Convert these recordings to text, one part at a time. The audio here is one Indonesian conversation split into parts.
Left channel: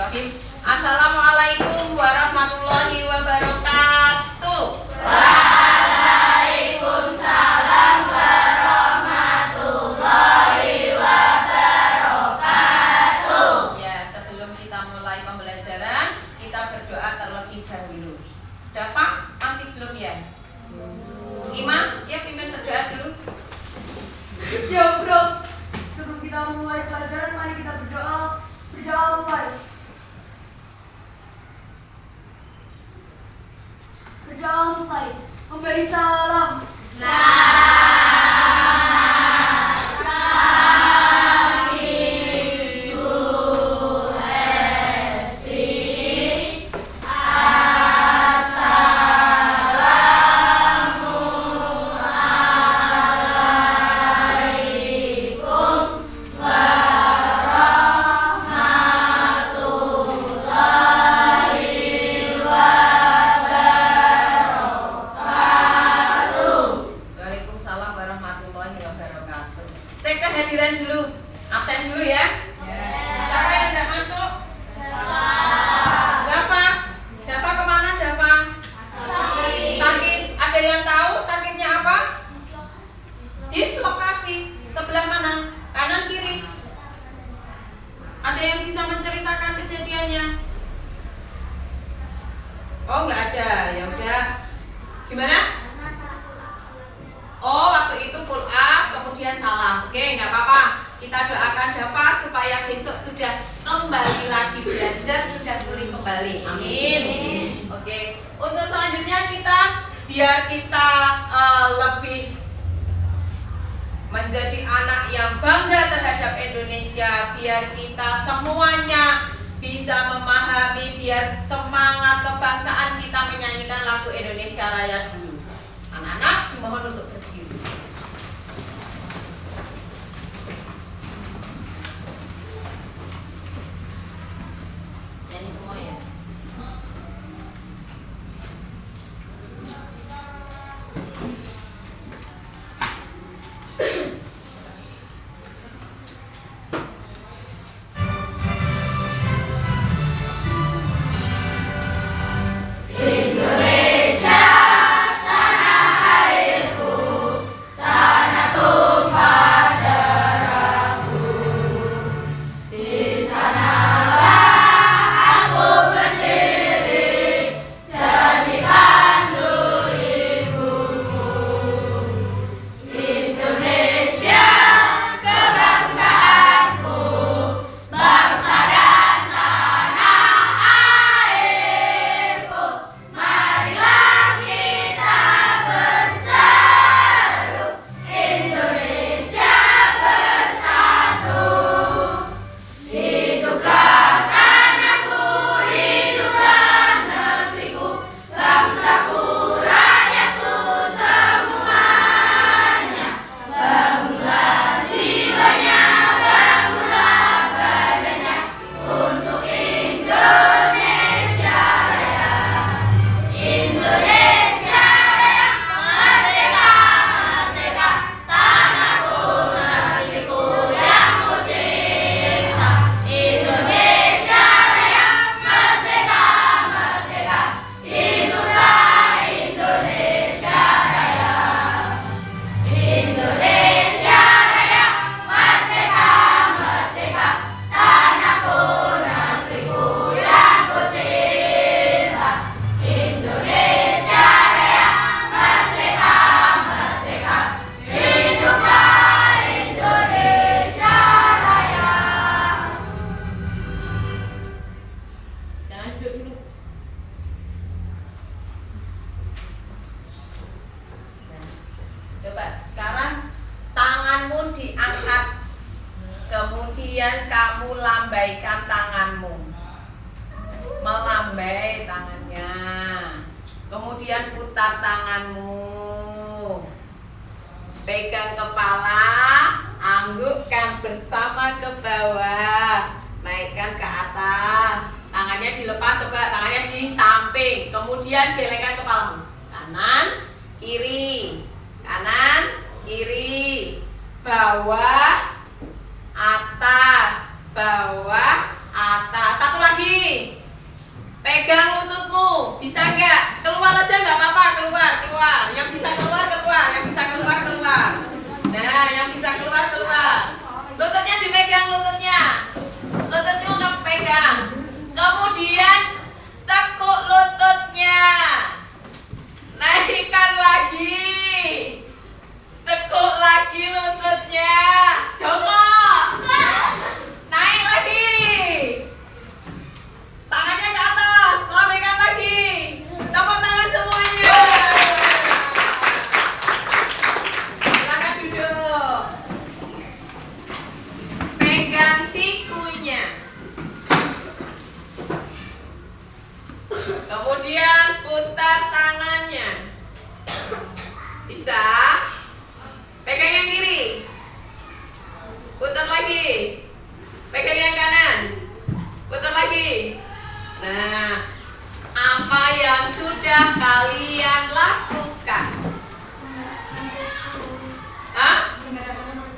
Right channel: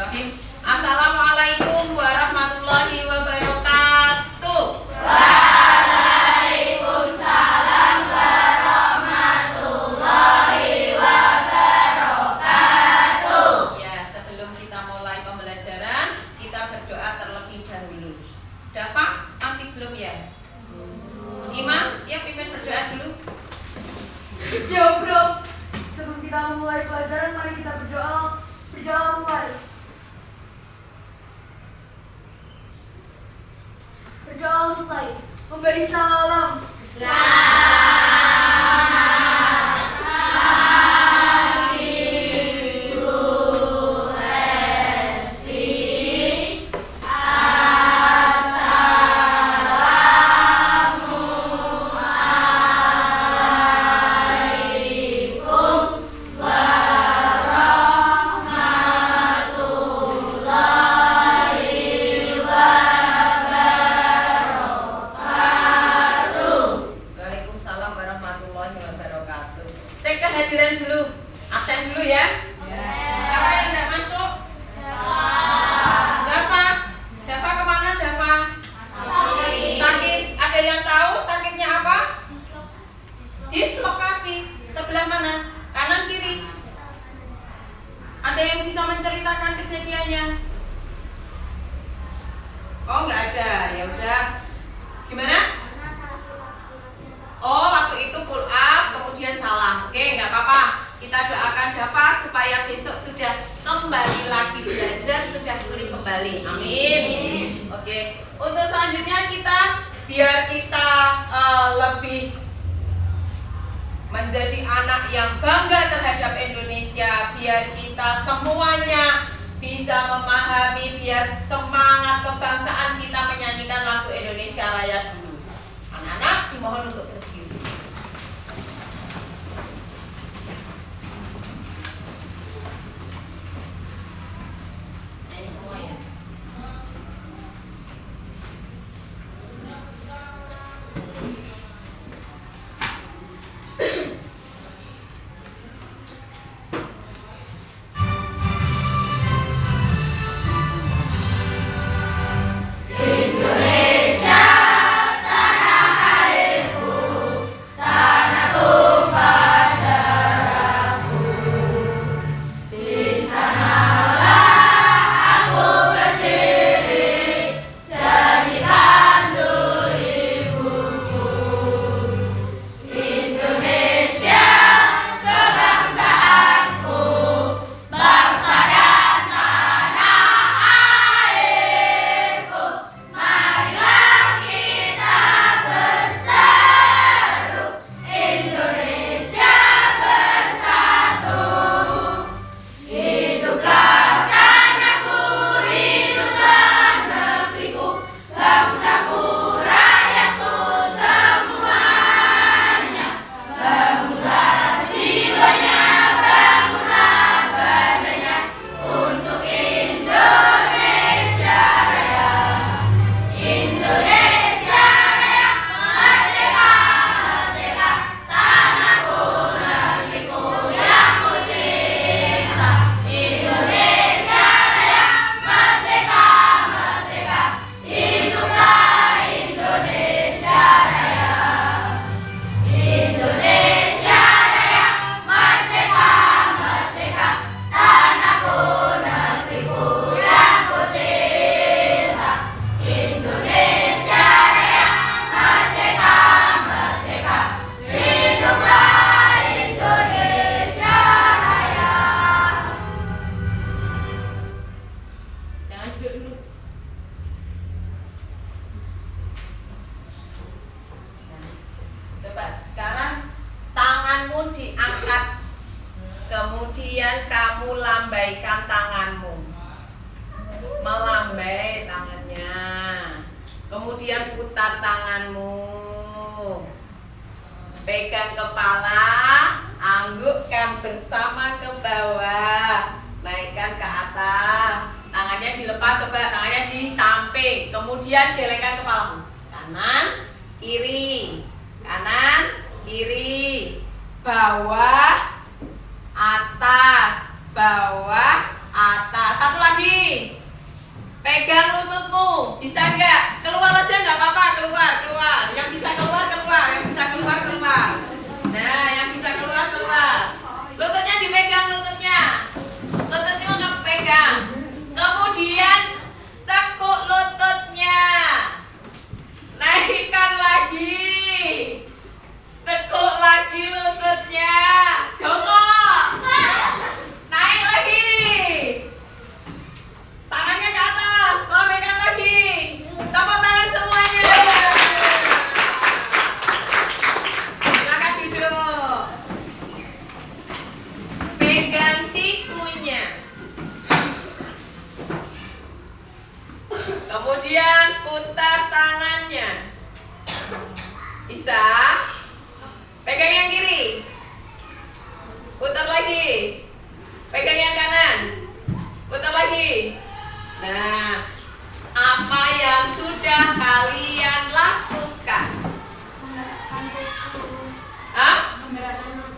Assalamualaikum warahmatullahi wabarakatuh. Waalaikumsalam warahmatullahi wabarakatuh. Ya, sebelum kita mulai pembelajaran, kita berdoa terlebih dahulu. Dafa, masih belum ya? Ima, ya pimpin berdoa dulu. Siap, bro. Sebelum kita mulai pelajaran, mari kita berdoa. Berdoa mulai. Berdoa selesai. Memberi salam. Waalaikumsalam warahmatullahi wabarakatuh. Cek kehadiran dulu. Absen dulu ya. Siapa yang tidak masuk? Dafa. Dafa kemana Dafa? Sakit. Ada yang tahu sakitnya apa? Dislokasi. Sebelah mana? Kanan kiri? Ada yang bisa menceritakan kejadiannya? Oh, nggak ada. Ya udah. Gimana? Oh, waktu itu pull up, kemudian salam. Oke, nggak apa-apa. Kita doakan Dafa supaya besok sudah kembali lagi belajar, sudah pulih kembali. Amin. Oke, untuk selanjutnya biar kita lebih menjadi anak yang bangga terhadap Indonesia, biar kita semuanya bisa memahami, biar semangat kebangsaan kita menyanyikan lagu Indonesia Raya dulu. Anak-anak dimohon untuk berdiri. Nyanyi semua ya. Indonesia, tanah airku, tanah tumpah darahku. Di sanalah aku berdiri, jadi pandu ibuku. Indonesia, kebangsaanku, bangsa dan tanah airku. Marilah kita berseru, Indonesia bersatu. Hiduplah tanahku, hiduplah negeriku, bangsaku, rakyatku semuanya. Bangunlah jiwanya, bangunlah badannya untuk Indonesia Raya. Indonesia Raya, merdeka, merdeka, tanahku, negeriku yang ku cinta. Indonesia Raya, merdeka, merdeka, hiduplah Indonesia Raya. Indonesia Raya, merdeka, merdeka, tanahku, negeriku yang ku cinta. Indonesia Raya, merdeka, merdeka, hiduplah Indonesia Raya. Jangan duduk dulu. Coba sekarang tanganmu diangkat, kemudian kamu lambaikan tanganmu, melambai tangannya, kemudian putar tanganmu, pegang kepala, anggukkan bersama ke bawah, naikkan ke atas, tangannya dilepas, coba tangannya di samping, kemudian gelengkan kepalamu, kanan, kiri, kanan, kiri, bawah, atas, bawah, atas. Satu lagi. pegang lututmu, bisa nggak? Keluar aja nggak apa-apa, keluar. Yang bisa keluar, yang bisa keluar. Nah, yang bisa keluar. Lututnya dipegang, lututnya untuk pegang. Kemudian tekuk lututnya, naikkan lagi, tekuk lagi lututnya, jongkok, naik lagi. Tangannya ke atas, lambaikan lagi. Tepuk tangan semuanya. Silakan duduk. Pegang sikunya. Kemudian putar tangannya. Bisa? Pegang yang kiri. Putar lagi. Pegang yang kanan. Putar lagi. Nah, apa yang sudah kalian lakukan? Hah?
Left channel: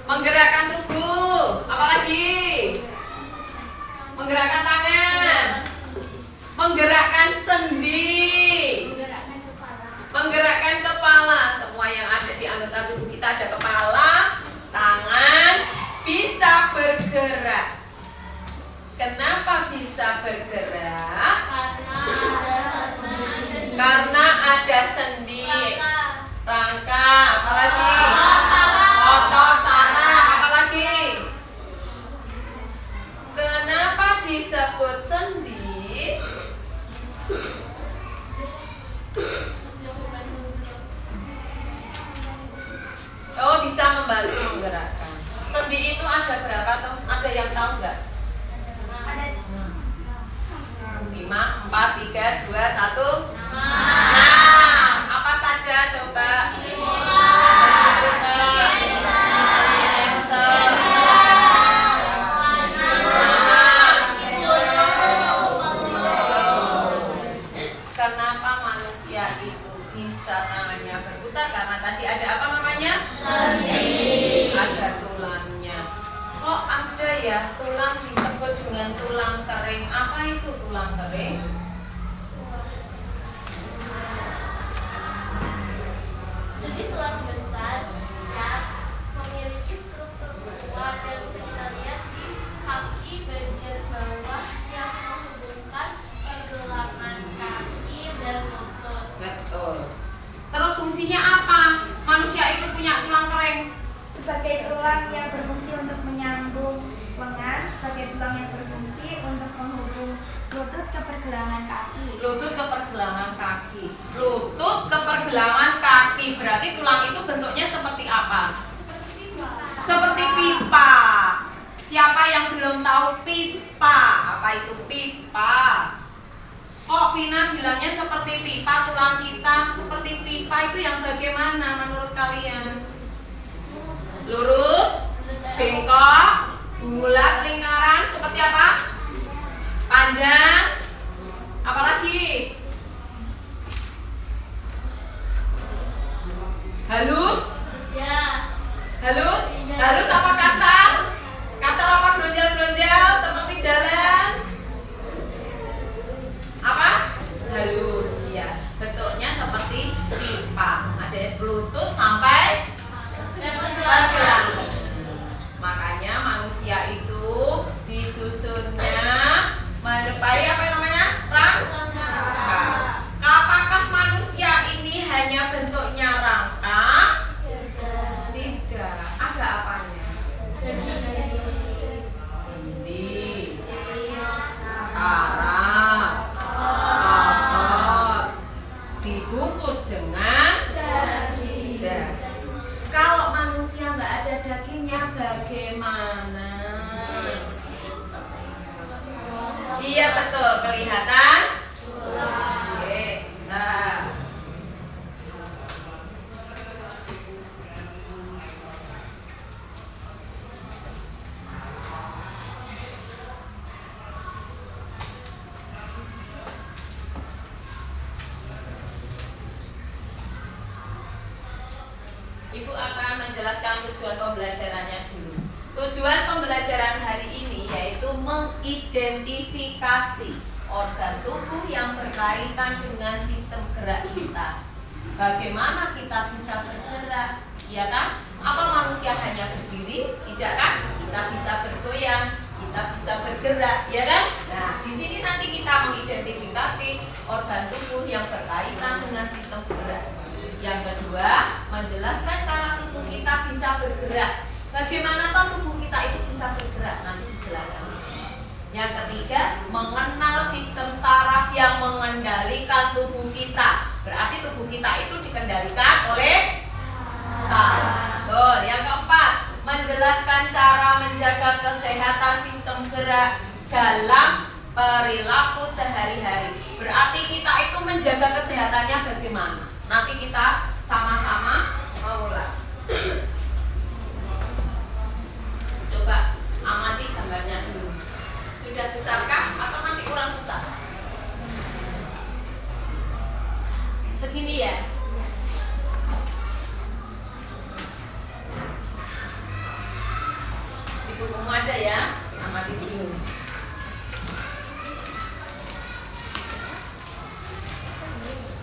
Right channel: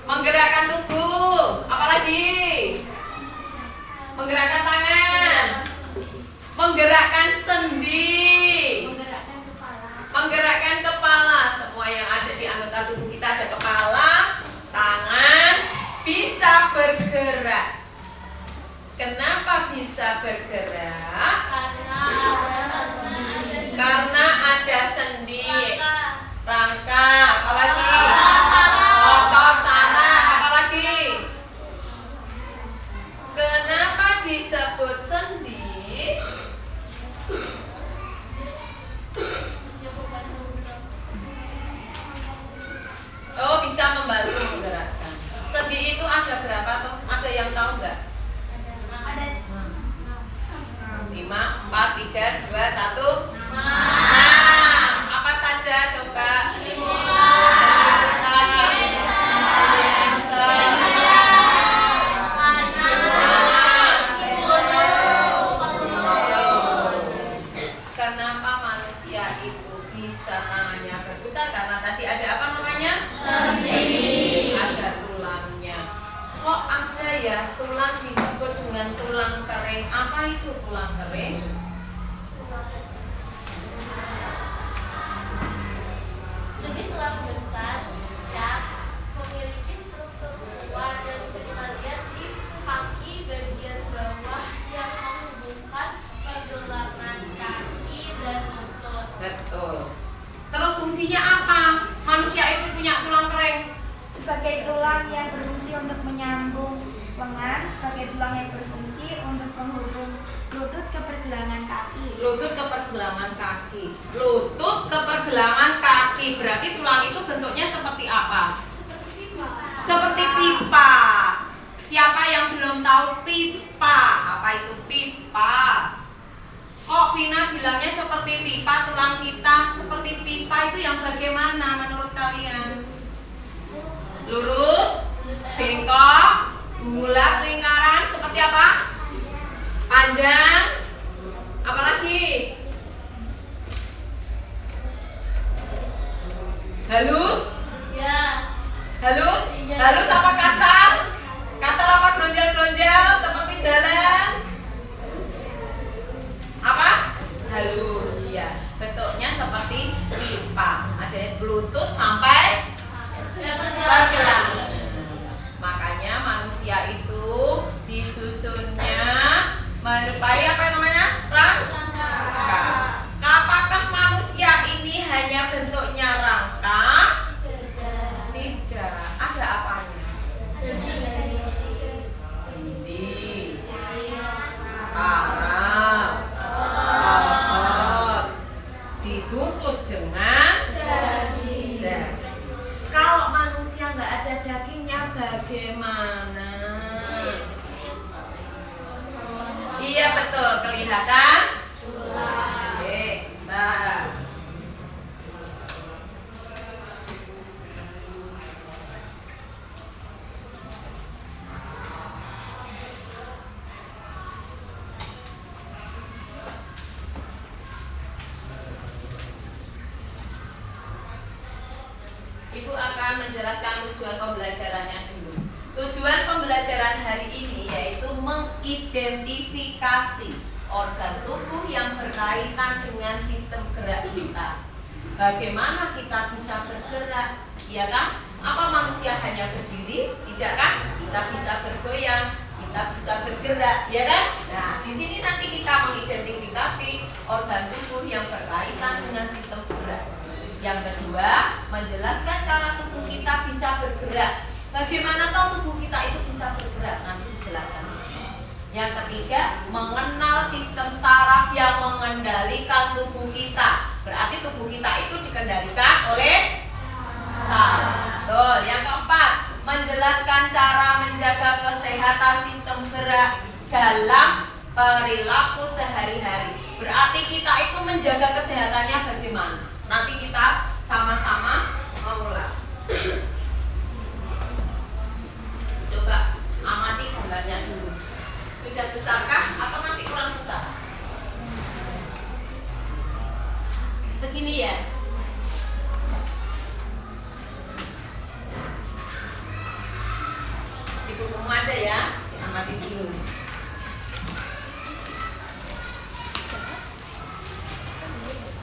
Menggerakkan tubuh. Apalagi? Menggerakkan tangan. Menggerakkan sendi. Menggerakkan kepala. Semua yang ada di anggota tubuh kita, ada kepala, tangan, bisa bergerak. Kenapa bisa bergerak? Karena ada sendi, rangka, apalagi? Otot saraf, apalagi? Kenapa disebut sendi? Oh, bisa membantu menggerakkan. Sendi itu ada berapa toh? Ada yang tahu nggak? 5, 4, 3, 2, 1. Nah, apa saja coba? Kenapa manusia itu bisa tangannya berputar? Karena tadi ada apa namanya? Sendi. Ada tulangnya. Kok ada ya tulang disebut dengan tulang kering? Apa itu tulang kering? Jenis tulang besar yang memiliki struktur kuat yang bisa kita lihat di kaki bagian bawah yang menghubungkan pergelangan kaki dan lutut. Betul. Terus fungsinya apa? Manusia itu punya tulang kering. Sebagai tulang yang berfungsi untuk menyambung lengan, sebagai tulang yang berfungsi untuk menghubung lutut ke pergelangan kaki. Lutut ke pergelangan kaki. Lutut ke pergelangan kaki. Berarti tulang itu bentuknya seperti apa? Seperti pipa. Siapa yang belum tahu pipa? Apa itu pipa? Kok Vina bilangnya seperti pipa tulang kita? Seperti pipa itu yang bagaimana menurut kalian? Lurus, bengkok, bulat, lingkaran, seperti apa? Panjang, apalagi? Halus? Ya. Halus? Halus apa kasar? Kasar apa geronjal-geronjal seperti jalan? Apa? Halus ya. Bentuknya seperti pipa. Ada lutut sampai pergelangan. Makanya manusia itu disusunnya menyerupai apa namanya? Rangka. Apakah manusia ini hanya bentuknya rangka? Tidak. Ada apanya? Sendi, karang, otot, dibungkus dengan daging. Kalau manusia nggak ada dagingnya bagaimana? Iya betul, kelihatan? Oke, nah. Ibu akan menjelaskan tujuan pembelajarannya dulu. Tujuan pembelajaran hari ini yaitu mengidentifikasi organ tubuh yang berkaitan dengan sistem gerak kita. Bagaimana kita bisa bergerak, ya kan? Apa manusia hanya berdiri? Tidak kan? Kita bisa bergoyang, kita bisa bergerak, ya kan? Nah, di sini nanti kita mengidentifikasi organ tubuh yang berkaitan dengan sistem gerak. Yang kedua, menjelaskan cara tubuh kita bisa bergerak. Bagaimana toh tubuh kita itu bisa bergerak? Nanti dijelaskan di sini. Yang ketiga, mengenal sistem saraf yang mengendalikan tubuh kita. Berarti tubuh kita itu dikendalikan oleh saraf. Betul. Yang keempat, menjelaskan cara menjaga kesehatan sistem gerak dalam perilaku sehari-hari. Berarti kita itu menjaga kesehatannya bagaimana? Nanti kita sama-sama mengulas. Coba amati gambarnya dulu. Sudah besarkah atau masih kurang besar? Segini ya? Di bukumu ada ya? Amati dulu.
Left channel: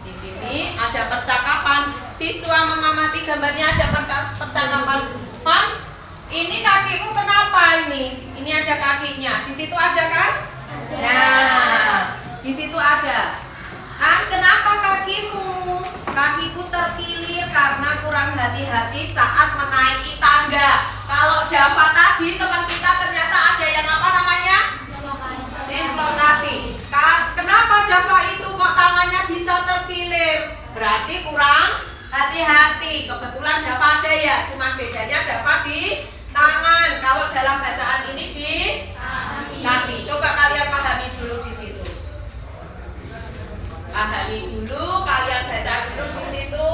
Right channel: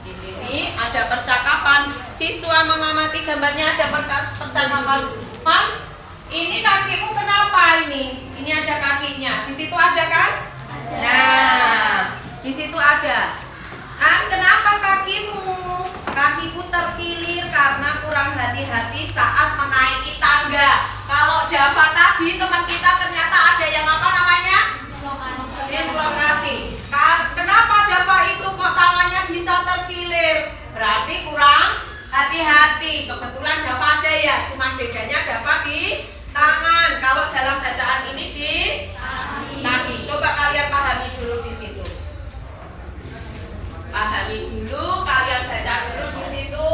Di sini ada percakapan. Siswa mengamati gambarnya, ada percakapan. Pan, ini kakimu kenapa ini? Ini ada kakinya. Di situ ada kan? Nah, di situ ada. Ah, kenapa kakimu? Kakiku terkilir karena kurang hati-hati saat menaiki tangga. Kalau Dava tadi teman kita ternyata ada yang apa namanya? Inflamasi. Kenapa Dava itu kok tangannya bisa terkilir? Berarti kurang hati-hati. Kebetulan Dava ada ya, cuman bedanya Dava di tangan. Kalau dalam bacaan ini di kaki. Coba kalian pahami dulu di situ. Pahami dulu, kalian baca dulu di situ.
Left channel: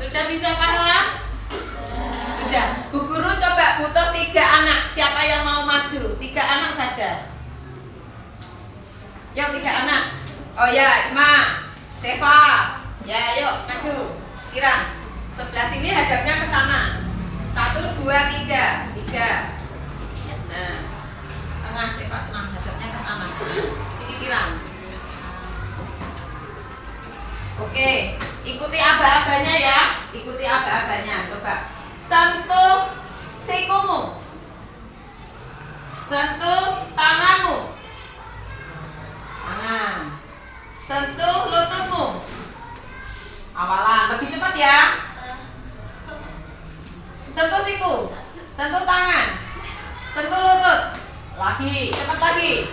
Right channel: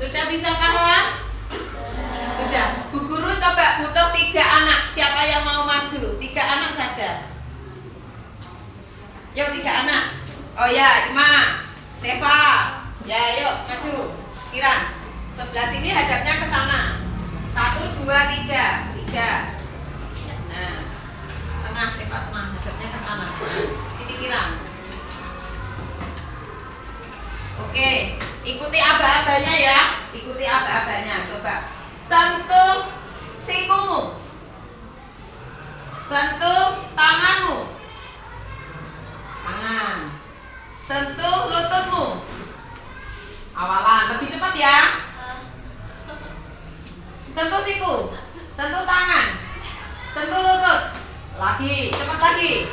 Sudah bisa kan ya? Sudah. Bu Guru coba butuh 3 anak. Siapa yang mau maju? 3 anak saja. Yuk 3 anak. Oh ya, Ima, Teva. Ya, yuk maju. Kiran. Sebelah sini hadapnya ke sana. 1, 2, 3. 3. Nah, tengah Teva, tengah hadapnya ke sana. Sini Kiran. Oke, ikuti aba-abanya ya. Ikuti aba-abanya. Coba sentuh sikumu, sentuh tanganmu, tangan, sentuh lututmu. Awalan, lebih cepat ya. Sentuh siku, sentuh tangan, sentuh lutut. Lagi, cepat lagi.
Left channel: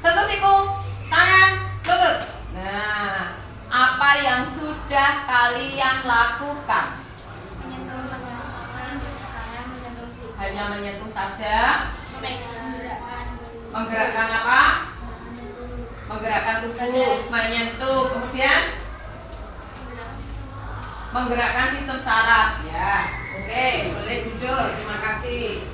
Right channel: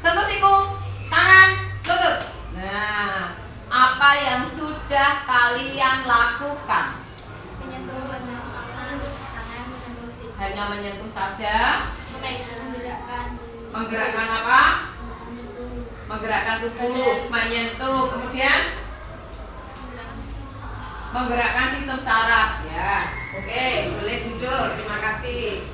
Sentuh siku, tangan, lutut. Nah, apa yang sudah kalian lakukan? Menyentuh tangan, menyentuh siku. Hanya menyentuh saja. Menggerakkan apa? Menggerakkan tubuh, menyentuh, kemudian menggerakkan sistem saraf. Ya, oke, boleh duduk. Terima kasih.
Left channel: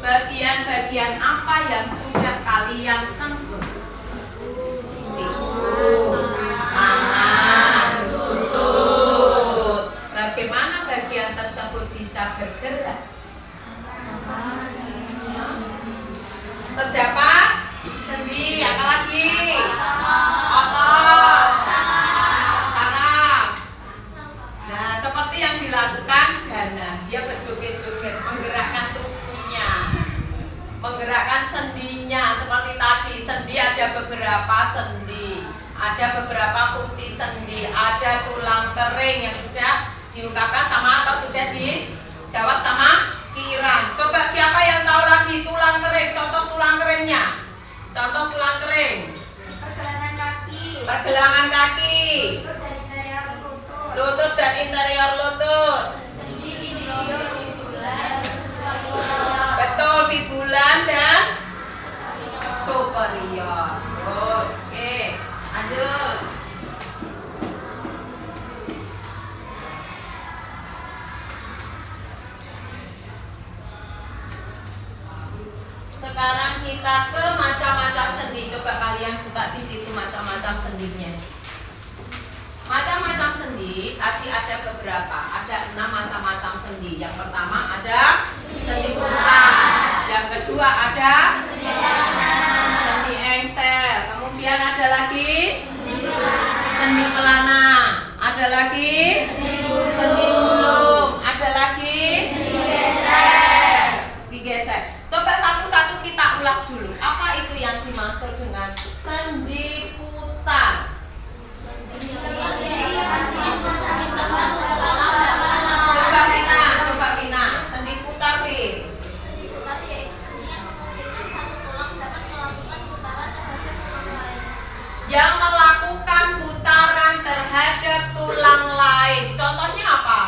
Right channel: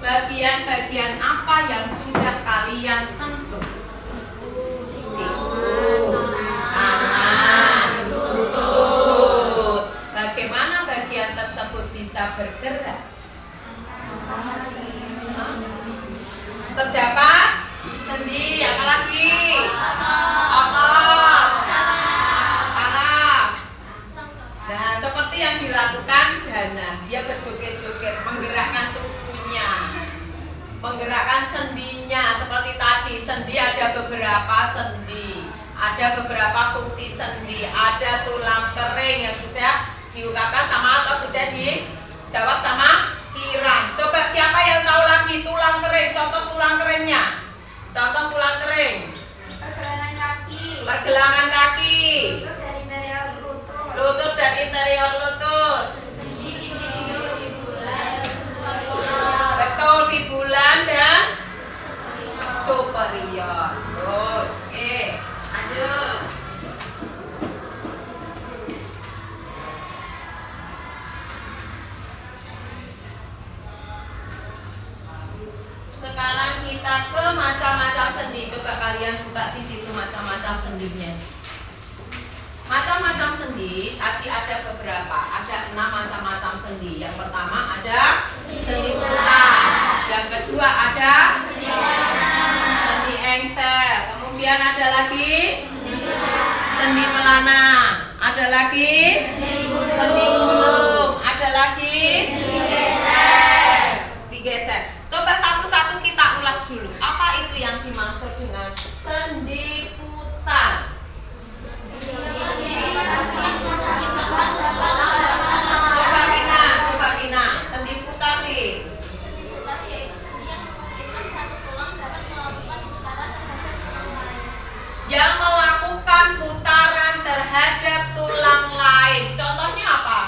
Bagian-bagian apa yang sudah kalian sentuh? Siku, tangan, lutut. Bagaimana bagian tersebut bisa bergerak? Terdapat sendi, apa lagi? Otot, saraf. Nah, seperti yang dilakukan Dana, dia berjoget-joget, menggerakkan tubuhnya, menggerakkan sendinya. Seperti tadi, sendi ada beberapa sendi, ada beberapa fungsi sendi, ada tulang kering yang sudah diungkapkan sama atau sudah dijawab sama Contoh tulang kering. Pergelangan kaki. Pergelangan kaki. Lutut dan interior lutut. Lutut dan interior lutut. Sendi inferior fibular. Betul, fibulan dan superior. Oke, lanjut. Sekarang kita ke macam-macam sendi. Coba kalian buka di situ macam-macam sendinya. Macam-macam sendi, tadi ada beberapa. Ada 6 macam-macam sendi. Yang pertama ada sendi putar. Yang kedua ada sendi engsel. Kemudian ada lagi sendi pelana. Ada lagi sendi gulung. Ada lagi digeser. Coba satu-satu kita ulas dulu. Apa itu yang dimaksud dengan sendi putar? Coba Vina, sendi putar nih. Sendi putar yaitu sendi yang memungkinkan satu tulang dapat melakukan putaran terhadap tulang lain. Yang melakukan putaran terhadap tulang lain. Contohnya apa?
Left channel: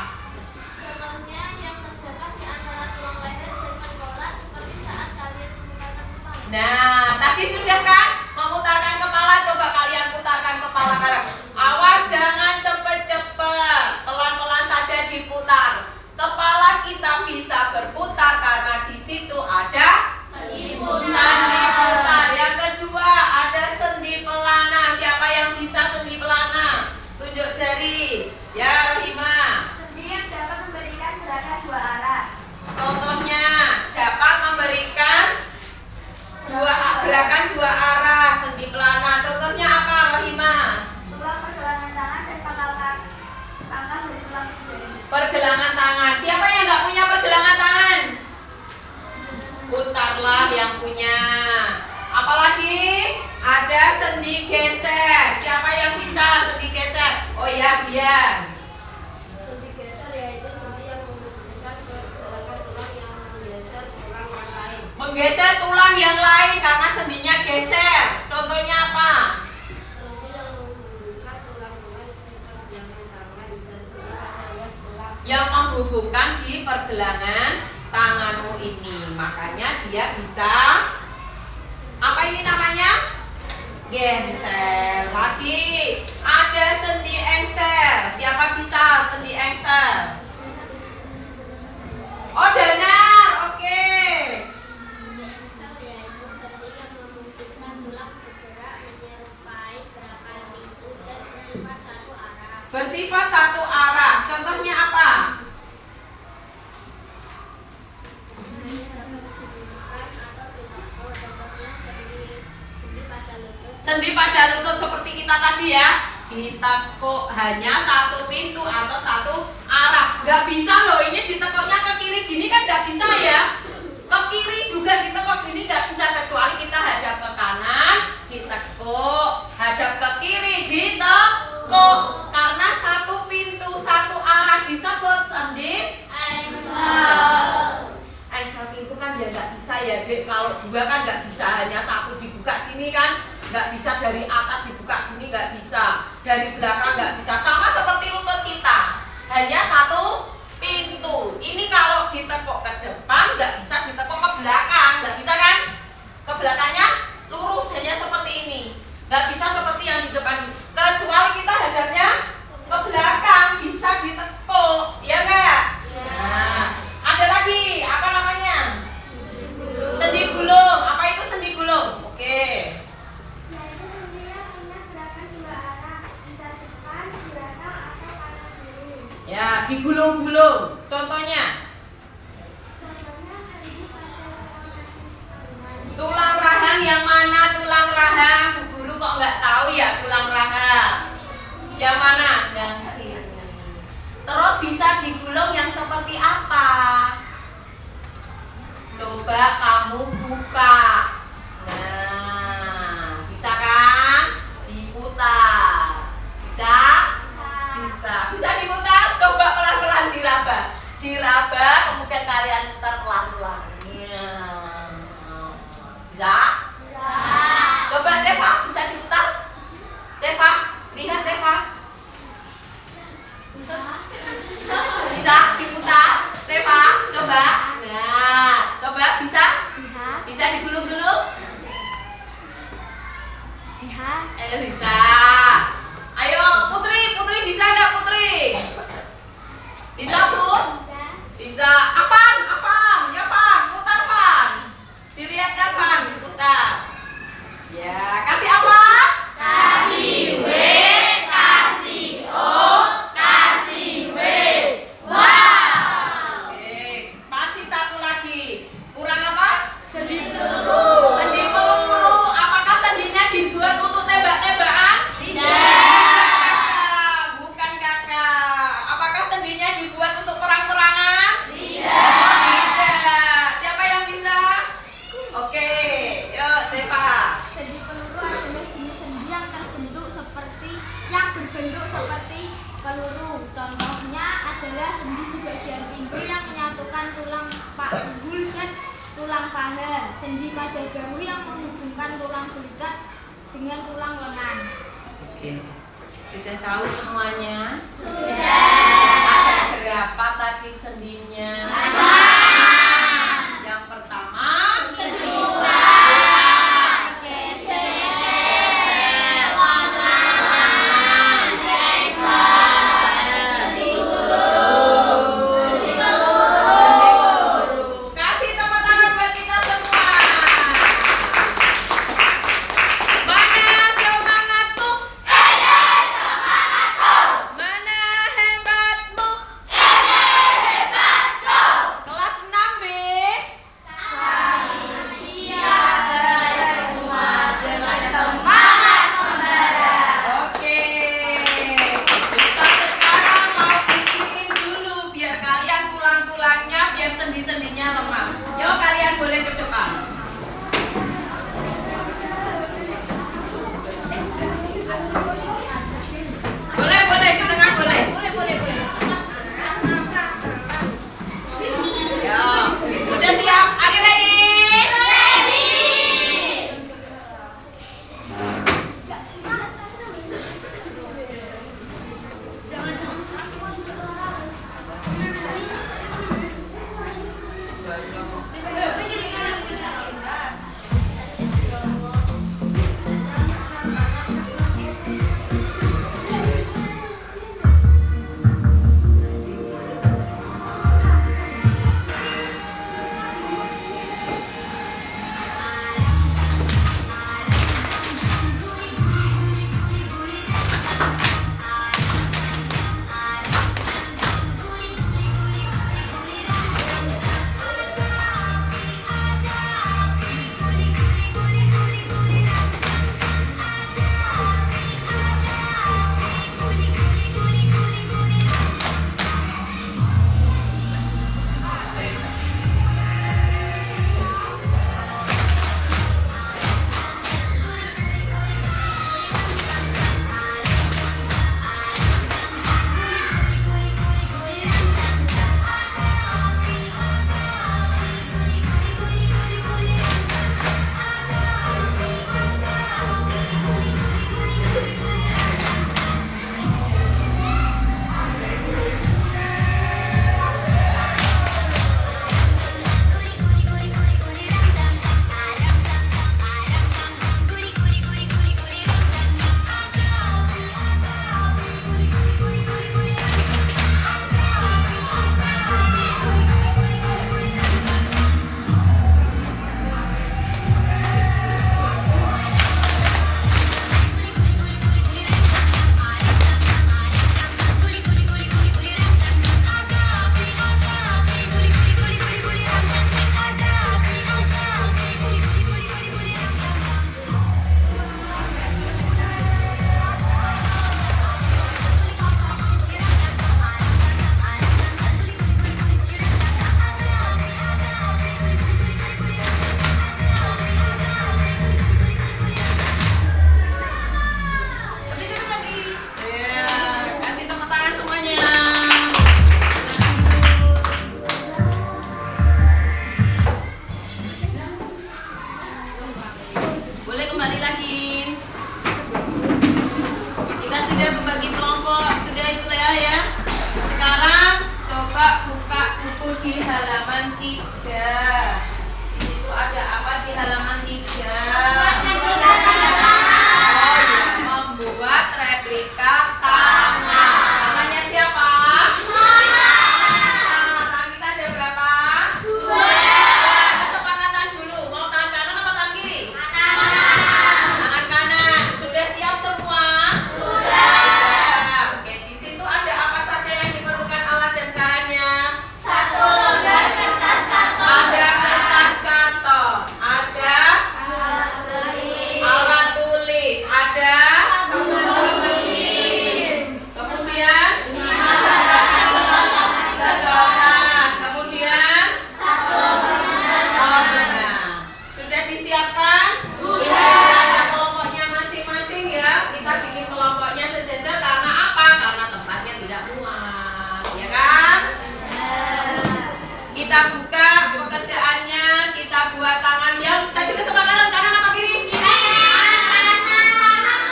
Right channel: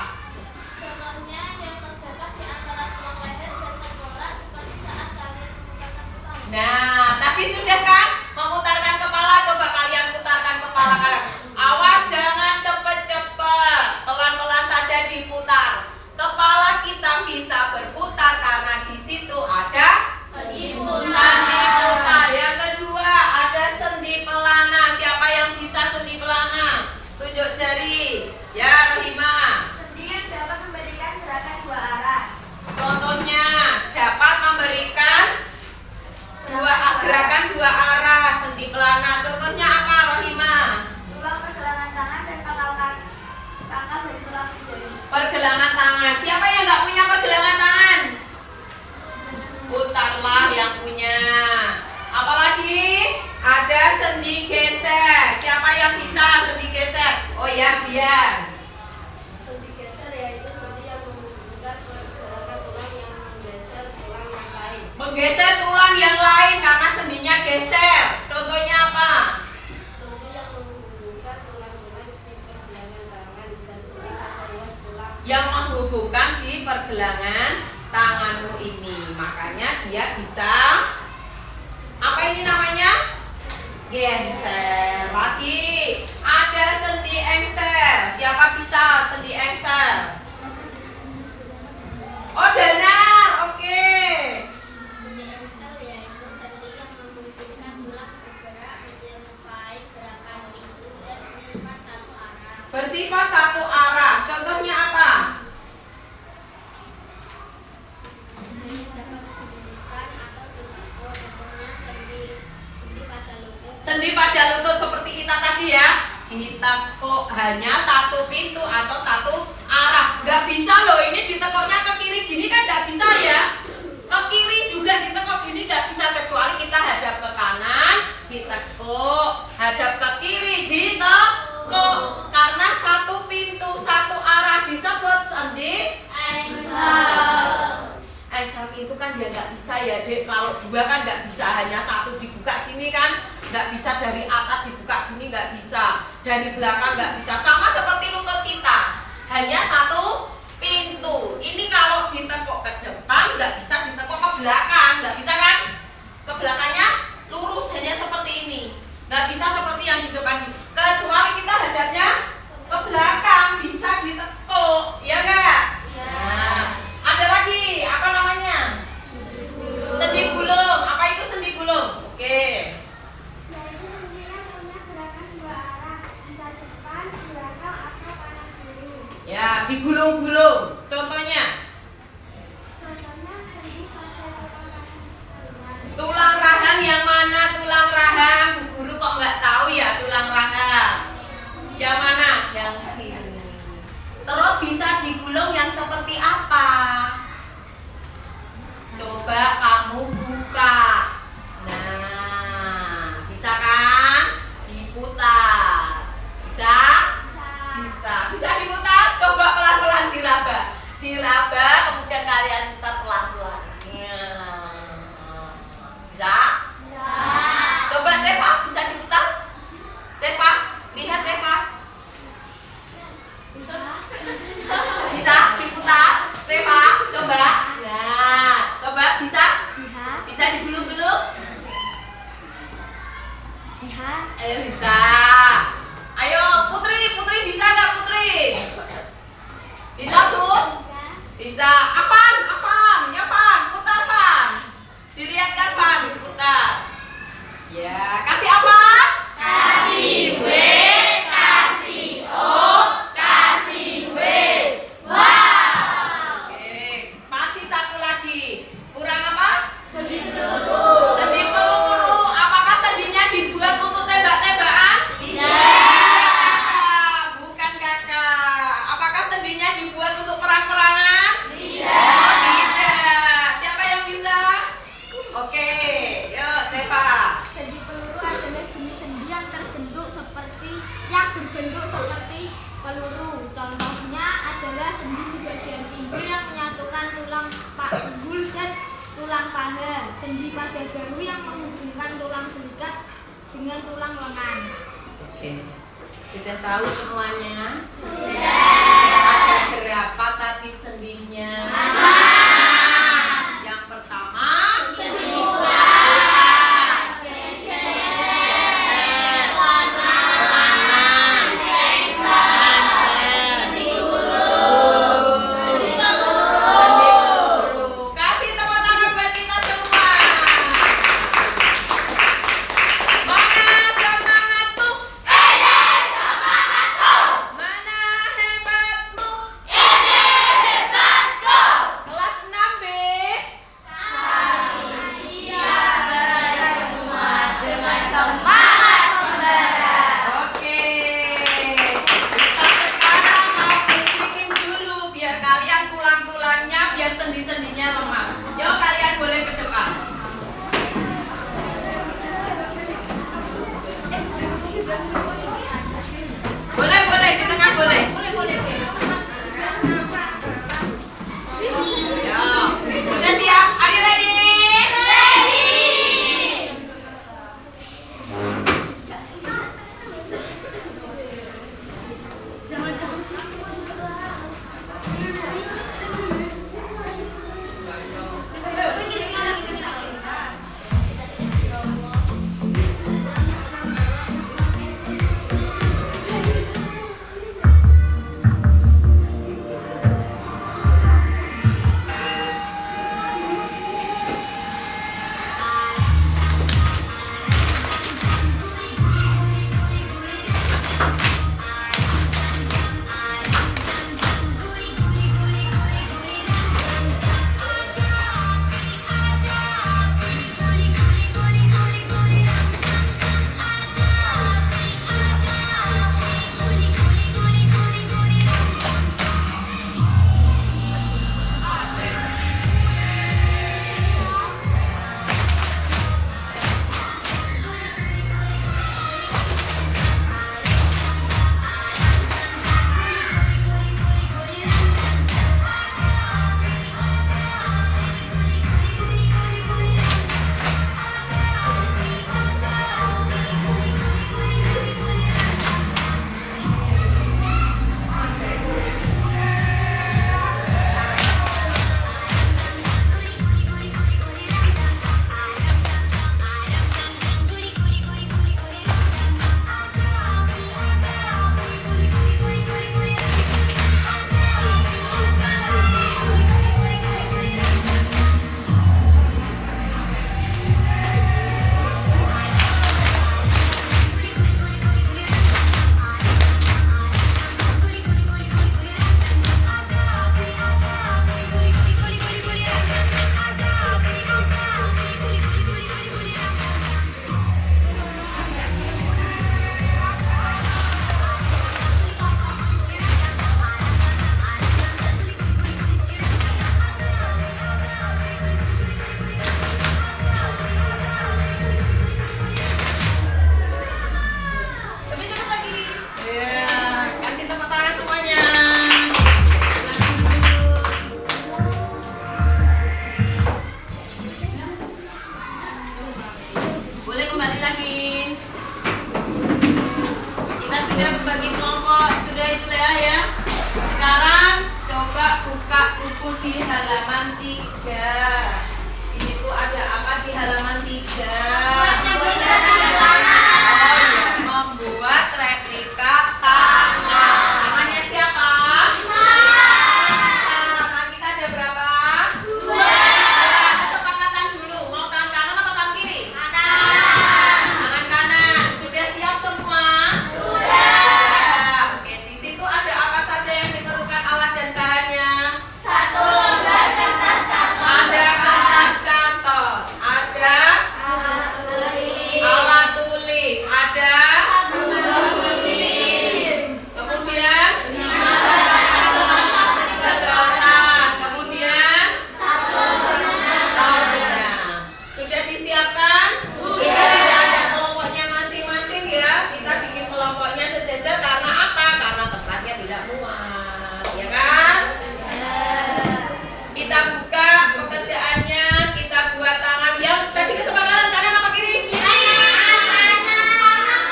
Contohnya yang terdapat di antara tulang leher dan tengkorak seperti saat kalian memutarkan tulang. Nah, tadi sudah kan? Memutarkan kepala, coba kalian putarkan kepala kalian. Awas jangan cepet-cepet, pelan-pelan saja diputar. Kepala kita bisa berputar karena di situ ada Sendi sendi putar. Yang kedua ada sendi pelana. Siapa yang bisa sendi pelana? Tunjuk jari. Ya, Rohima. Sendi yang dapat memberikan gerakan dua arah. Contohnya dapat memberikan gerakan dua arah, sendi pelana. Contohnya apa, Rohima? Tulang pergelangan tangan dan pangkal kaki. Pangkal dan tulang jari. Pergelangan tangan. Siapa yang nggak punya pergelangan tangan? Putarlah yang punya. Apalagi ada sendi geser. Siapa yang bisa sendi geser? Oh ya, biar. Sendi geser yaitu sendi yang memungkinkan pergerakan tulang yang menggeser tulang yang lain. Menggeser tulang yang lain karena sendinya geser. Contohnya apa? Sendi yang menghubungkan tulang-tulang di pergelangan tangan dan sendi pada ruas tulang. Yang menghubungkan di pergelangan tanganmu ini. Makanya dia bisa apa ini namanya? Geser. Lagi ada sendi engsel. Siapa bisa sendi engsel? Oh, Danar. Oke. Sendi engsel yaitu sendi yang memungkinkan tulang bergerak menyerupai gerakan itu dan bersifat satu arah. Bersifat satu arah. Contohnya apa? Dapat diluruskan atau ditekuk. Contohnya sendi pada lutut. Sendi pada lutut seperti kita tadi ya. Ditekuk hanya satu pintu atau satu arah. Nggak bisa loh ini ditekuknya ke kiri gini kan nggak bisa ya. Ke kiri juga ditekuk gini nggak bisa kecuali kita hadap ke kanan ditekuk, hadap ke kiri ditekuk. Karena satu pintu satu arah disebut sendi engsel. Engsel itu kan ya nggak bisa ya Dek. Kalau dua kan nggak bisa, hanya satu dibuka gini kan nggak bisa, dari atas dibuka gini nggak bisa, dari belakang nggak bisa. Sama seperti lutut kita, hanya satu pintu. Ini kalau ditekuk ke depan nggak bisa ditekuk ke belakang, nggak bisa kan? Ke belakangnya lurus hanya seperti ini, nggak bisa seperti yang di depan. Kecuali kita hadapnya ke belakang bisa ditekuk, ya nggak? Nah, ada lagi apa namanya? Sendi gulung. Apa itu sendi gulung? Oke. Yaitu sendi yang punya gerakan dua arah. Bisa depan, belakang, atau kanan kiri. Ya, digulung-gulung. Contohnya Bisa. Apaan? Ya Pan, putar Pan. Dilihat kan Pan, putar. Ya, kasih apa? Kasih W, kasih O, kasih W. Wow. Oke, masih satu lagi. Kurang apa? Sendi peluru. Sendi peluru. Apakah sendinya dibuat untuk tembak-tembakan? Tidak. Bukan kakak. Apakah sendinya dibuat untuk perang-perangan? Tidak. Oh, tidak. Siapa yang bisa? Oke, yuk Cepa. Sendi peluru adalah jenis sendi yang berbentuk seperti peluru. Contohnya adalah sendi di bagian pinggul yang menyatukan tulang panggul dan tulang paha. Sendi pada bahu yang menghubungkan tulang belikat dengan tulang lengan. Oke. Sudah tahu semuanya? Sudah. Ada berapa tadi sendinya? Yang pertama, Sendi bulan. kasih tepuk tangan buat kita semua. Mana semangatmu? Mana hebatmu? Kelas 6B. Oke. Kita sekarang mau speaking dulu biar kalian tulang-tulangnya biar sendi-sendinya lemah. Yuk kalian boleh ke depan. Boleh di tengah boleh. Yo, udah siap? Are you ready? Lebih cepat lagi. Ya, kasih tepuk tangan semuanya. Silakan dulu. Boleh kembali lagi. Kita sudah membagi kelompok, sudah itu ya. Sekarang coba buka buku di halaman 3. Ini tuh ada apa di halaman 3? Membuat replika tangan. Tangannya siapa? Tangan kita ada Kita buka pekerjaannya, kita buat tangan yang tadi kesepakatan kanan apa kiri?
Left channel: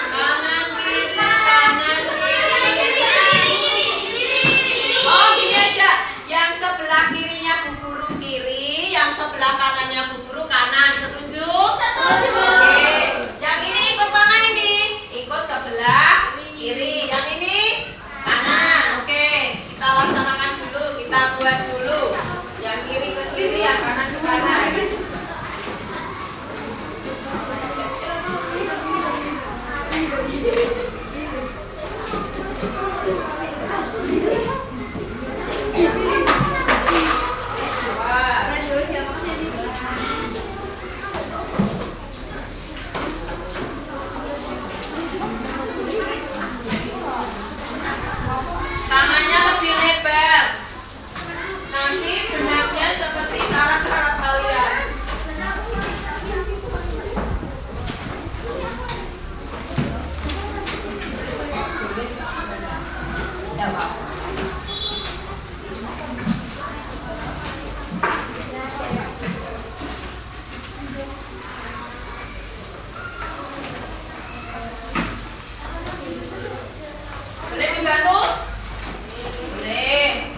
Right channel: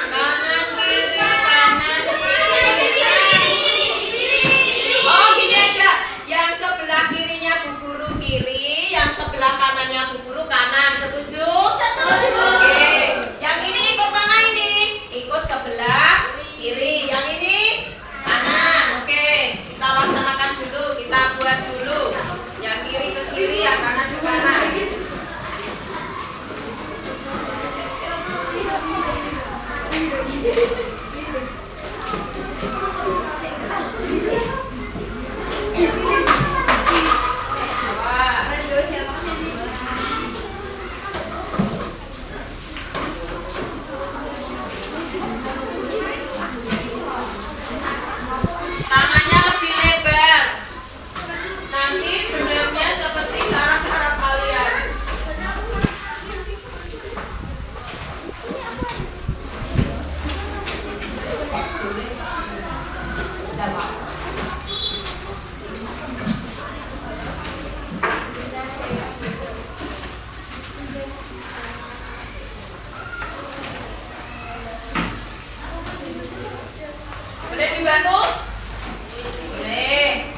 Kanan kiri, kanan kiri. Oh gini aja, yang sebelah kirinya Bu Guru kiri, yang sebelah kanannya Bu Guru kanan. Setuju? Setuju. Oke. Yang ini ikut mana ini? Ikut sebelah kiri. Yang ini kanan. Oke. Kita laksanakan dulu, kita buat dulu. Yang kiri ke kiri, yang kanan ke kanan. Tangannya lebih lebar. Nanti benarnya seperti saraf-saraf kalian. Tidak apa-apa. Boleh dibantu? Boleh.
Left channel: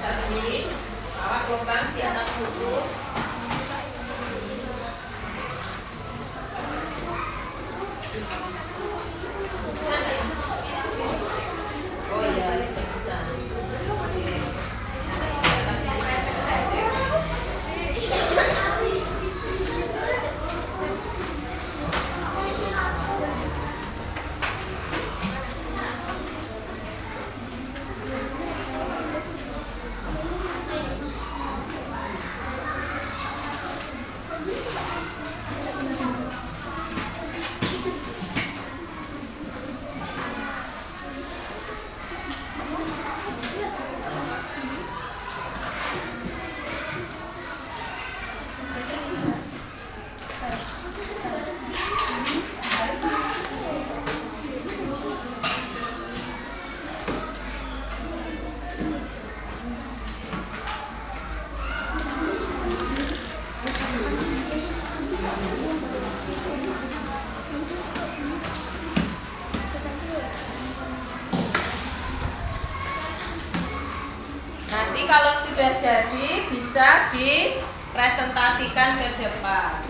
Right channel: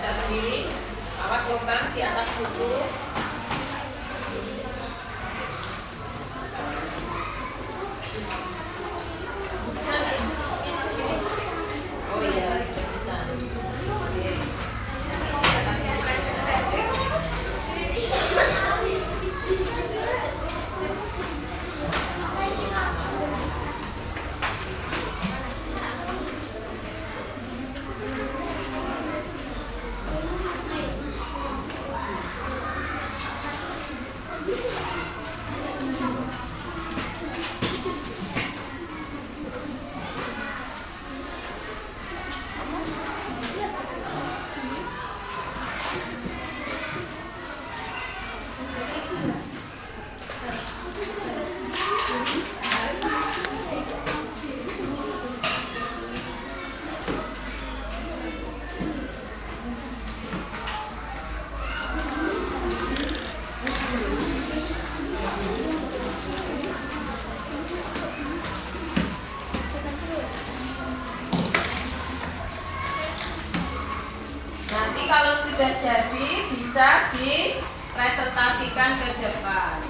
Bisa sendiri. Awas lubang di atas buku. Oh iya, bisa. Oke. Nanti kalau sudah jadi bisa dipresentasikan ke depan.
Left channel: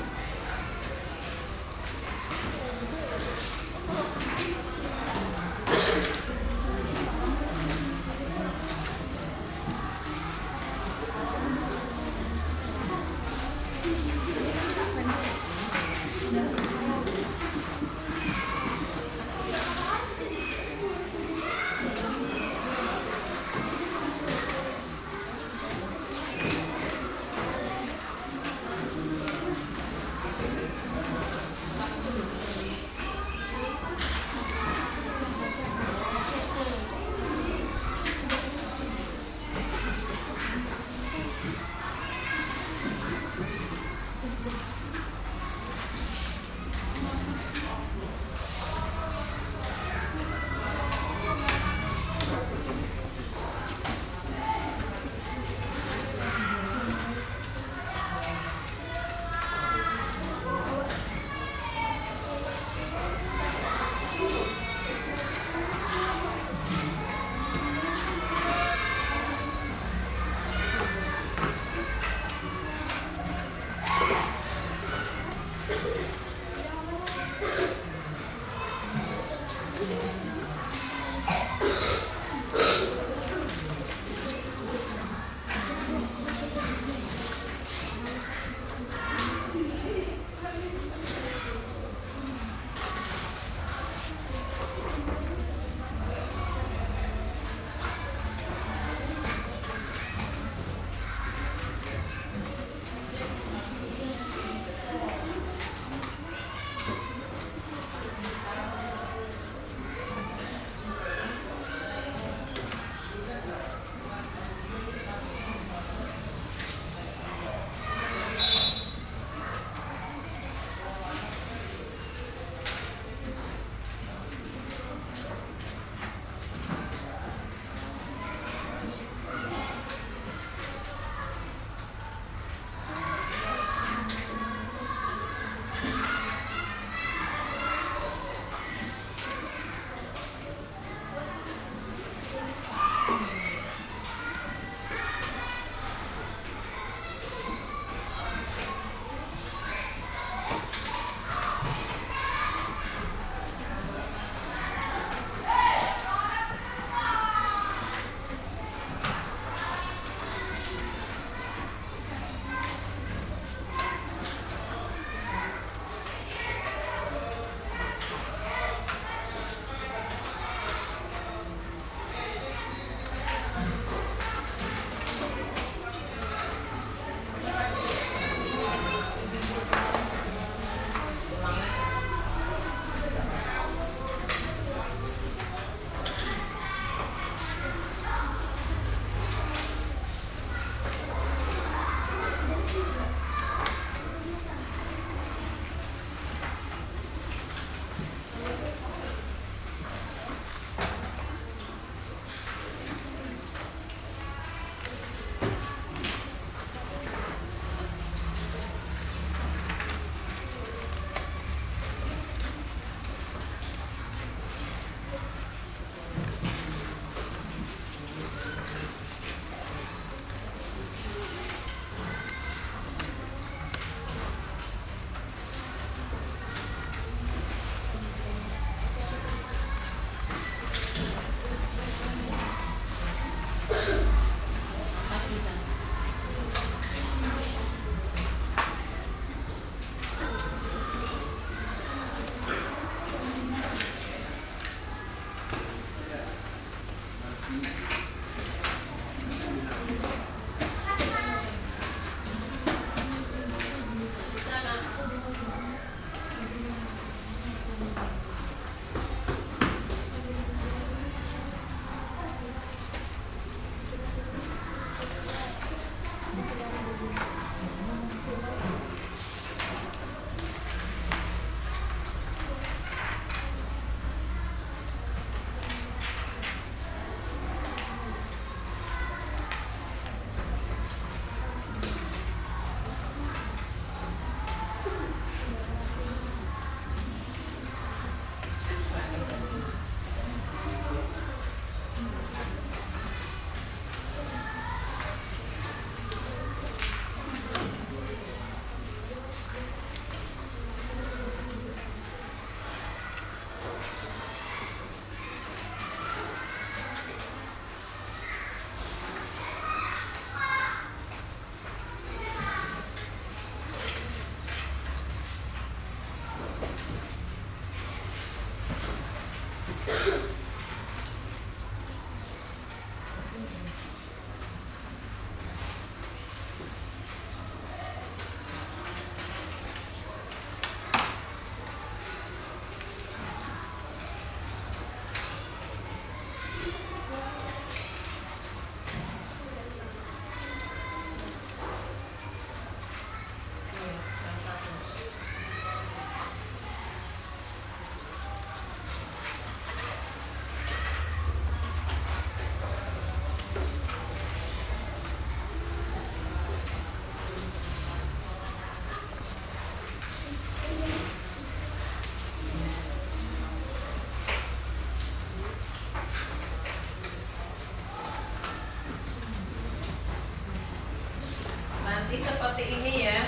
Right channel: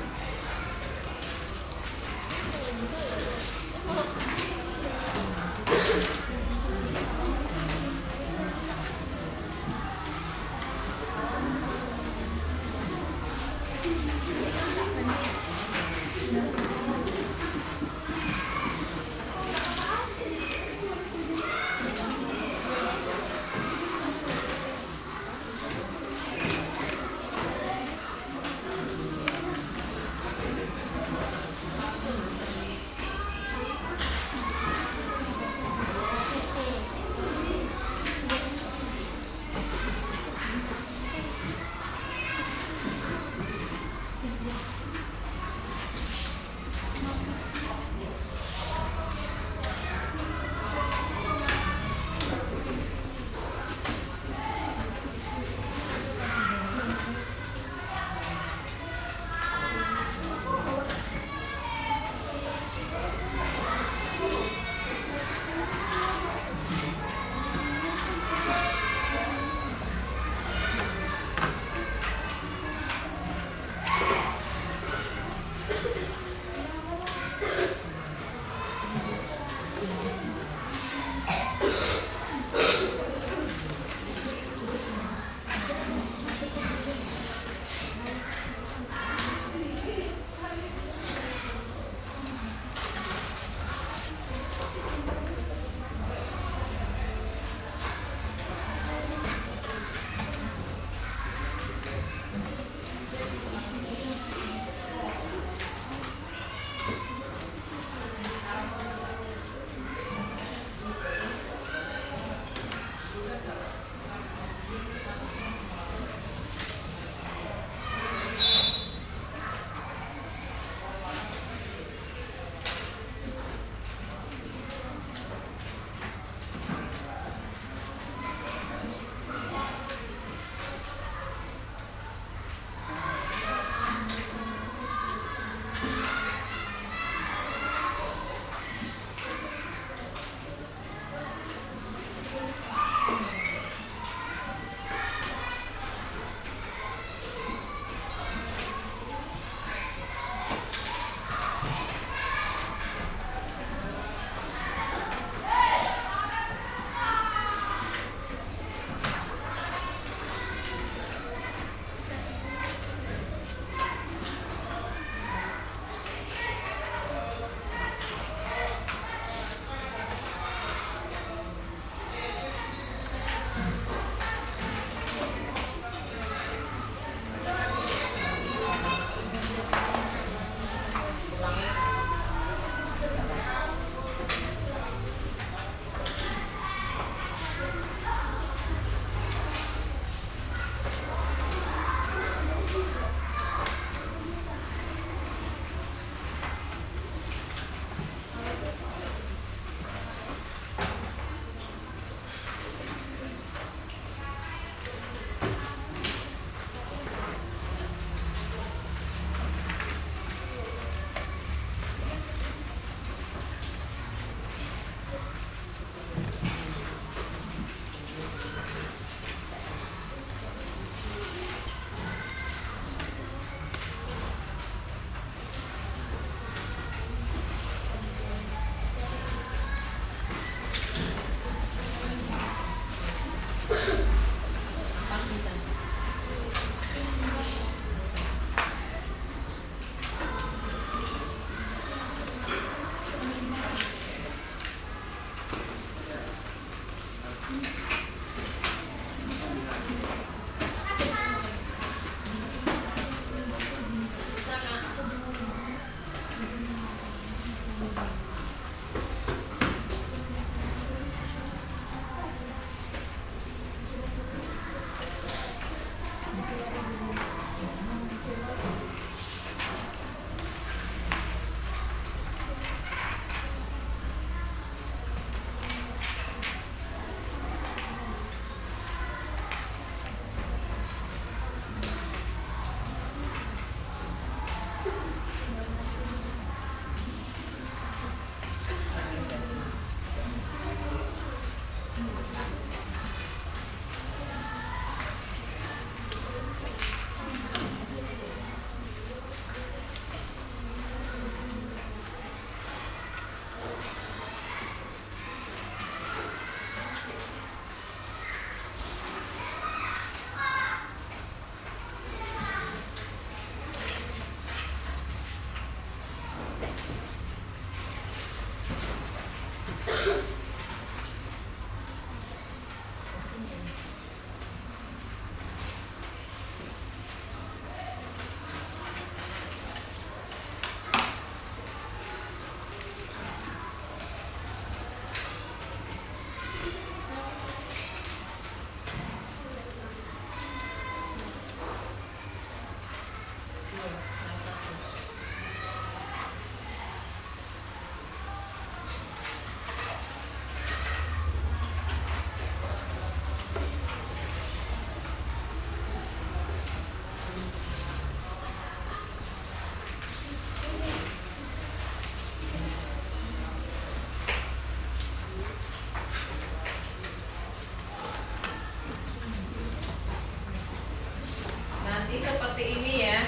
Nanti seperti ini ya,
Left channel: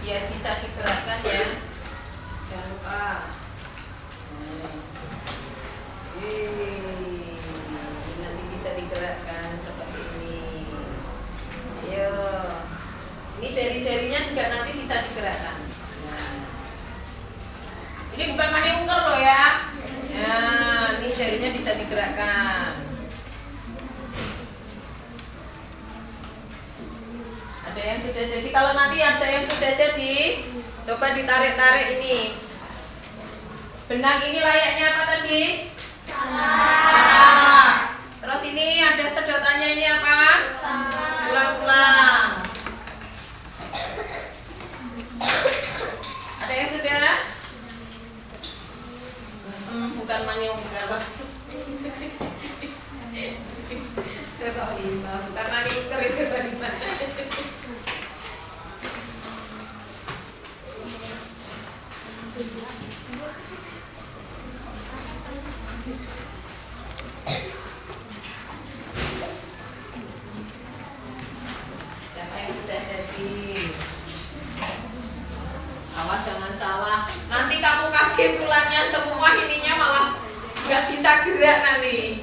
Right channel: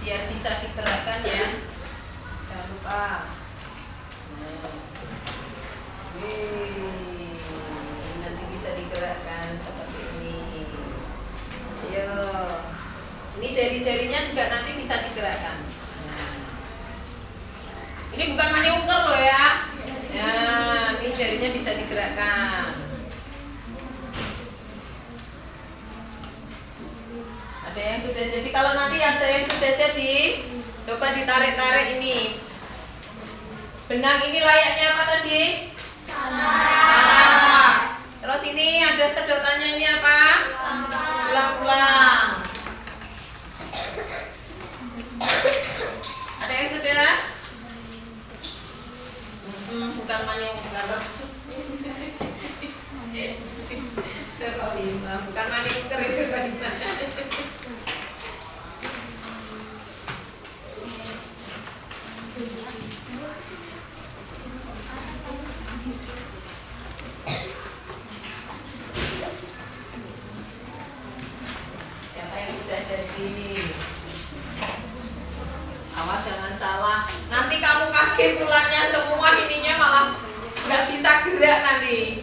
biar bisa digerakkan ya, jangan lupa. Nanti bisa digerakkan seperti ini. Ayo, ini jari-jarinya juga nanti bisa digerakkan. Nah, ini bukan maniuker loh ya. Nah, ini jarinya bisa digerakkan. Ada yang sudah jadi. Kalau nanti ada yang sudah jadi, coba ditarik-tarik ini. Benang ini layaknya apa tadi? Sarah. Terus ini ada sedotannya, ini apa? Ulang-ulang. Ada yang sudah? Bukan maniuker. Bukan maniuker itu tadi. Siapa yang sudah jadi? Awas jangan salah. Nanti kamu kasih tulangnya semua, ininya malah nggak bisa gerak nanti.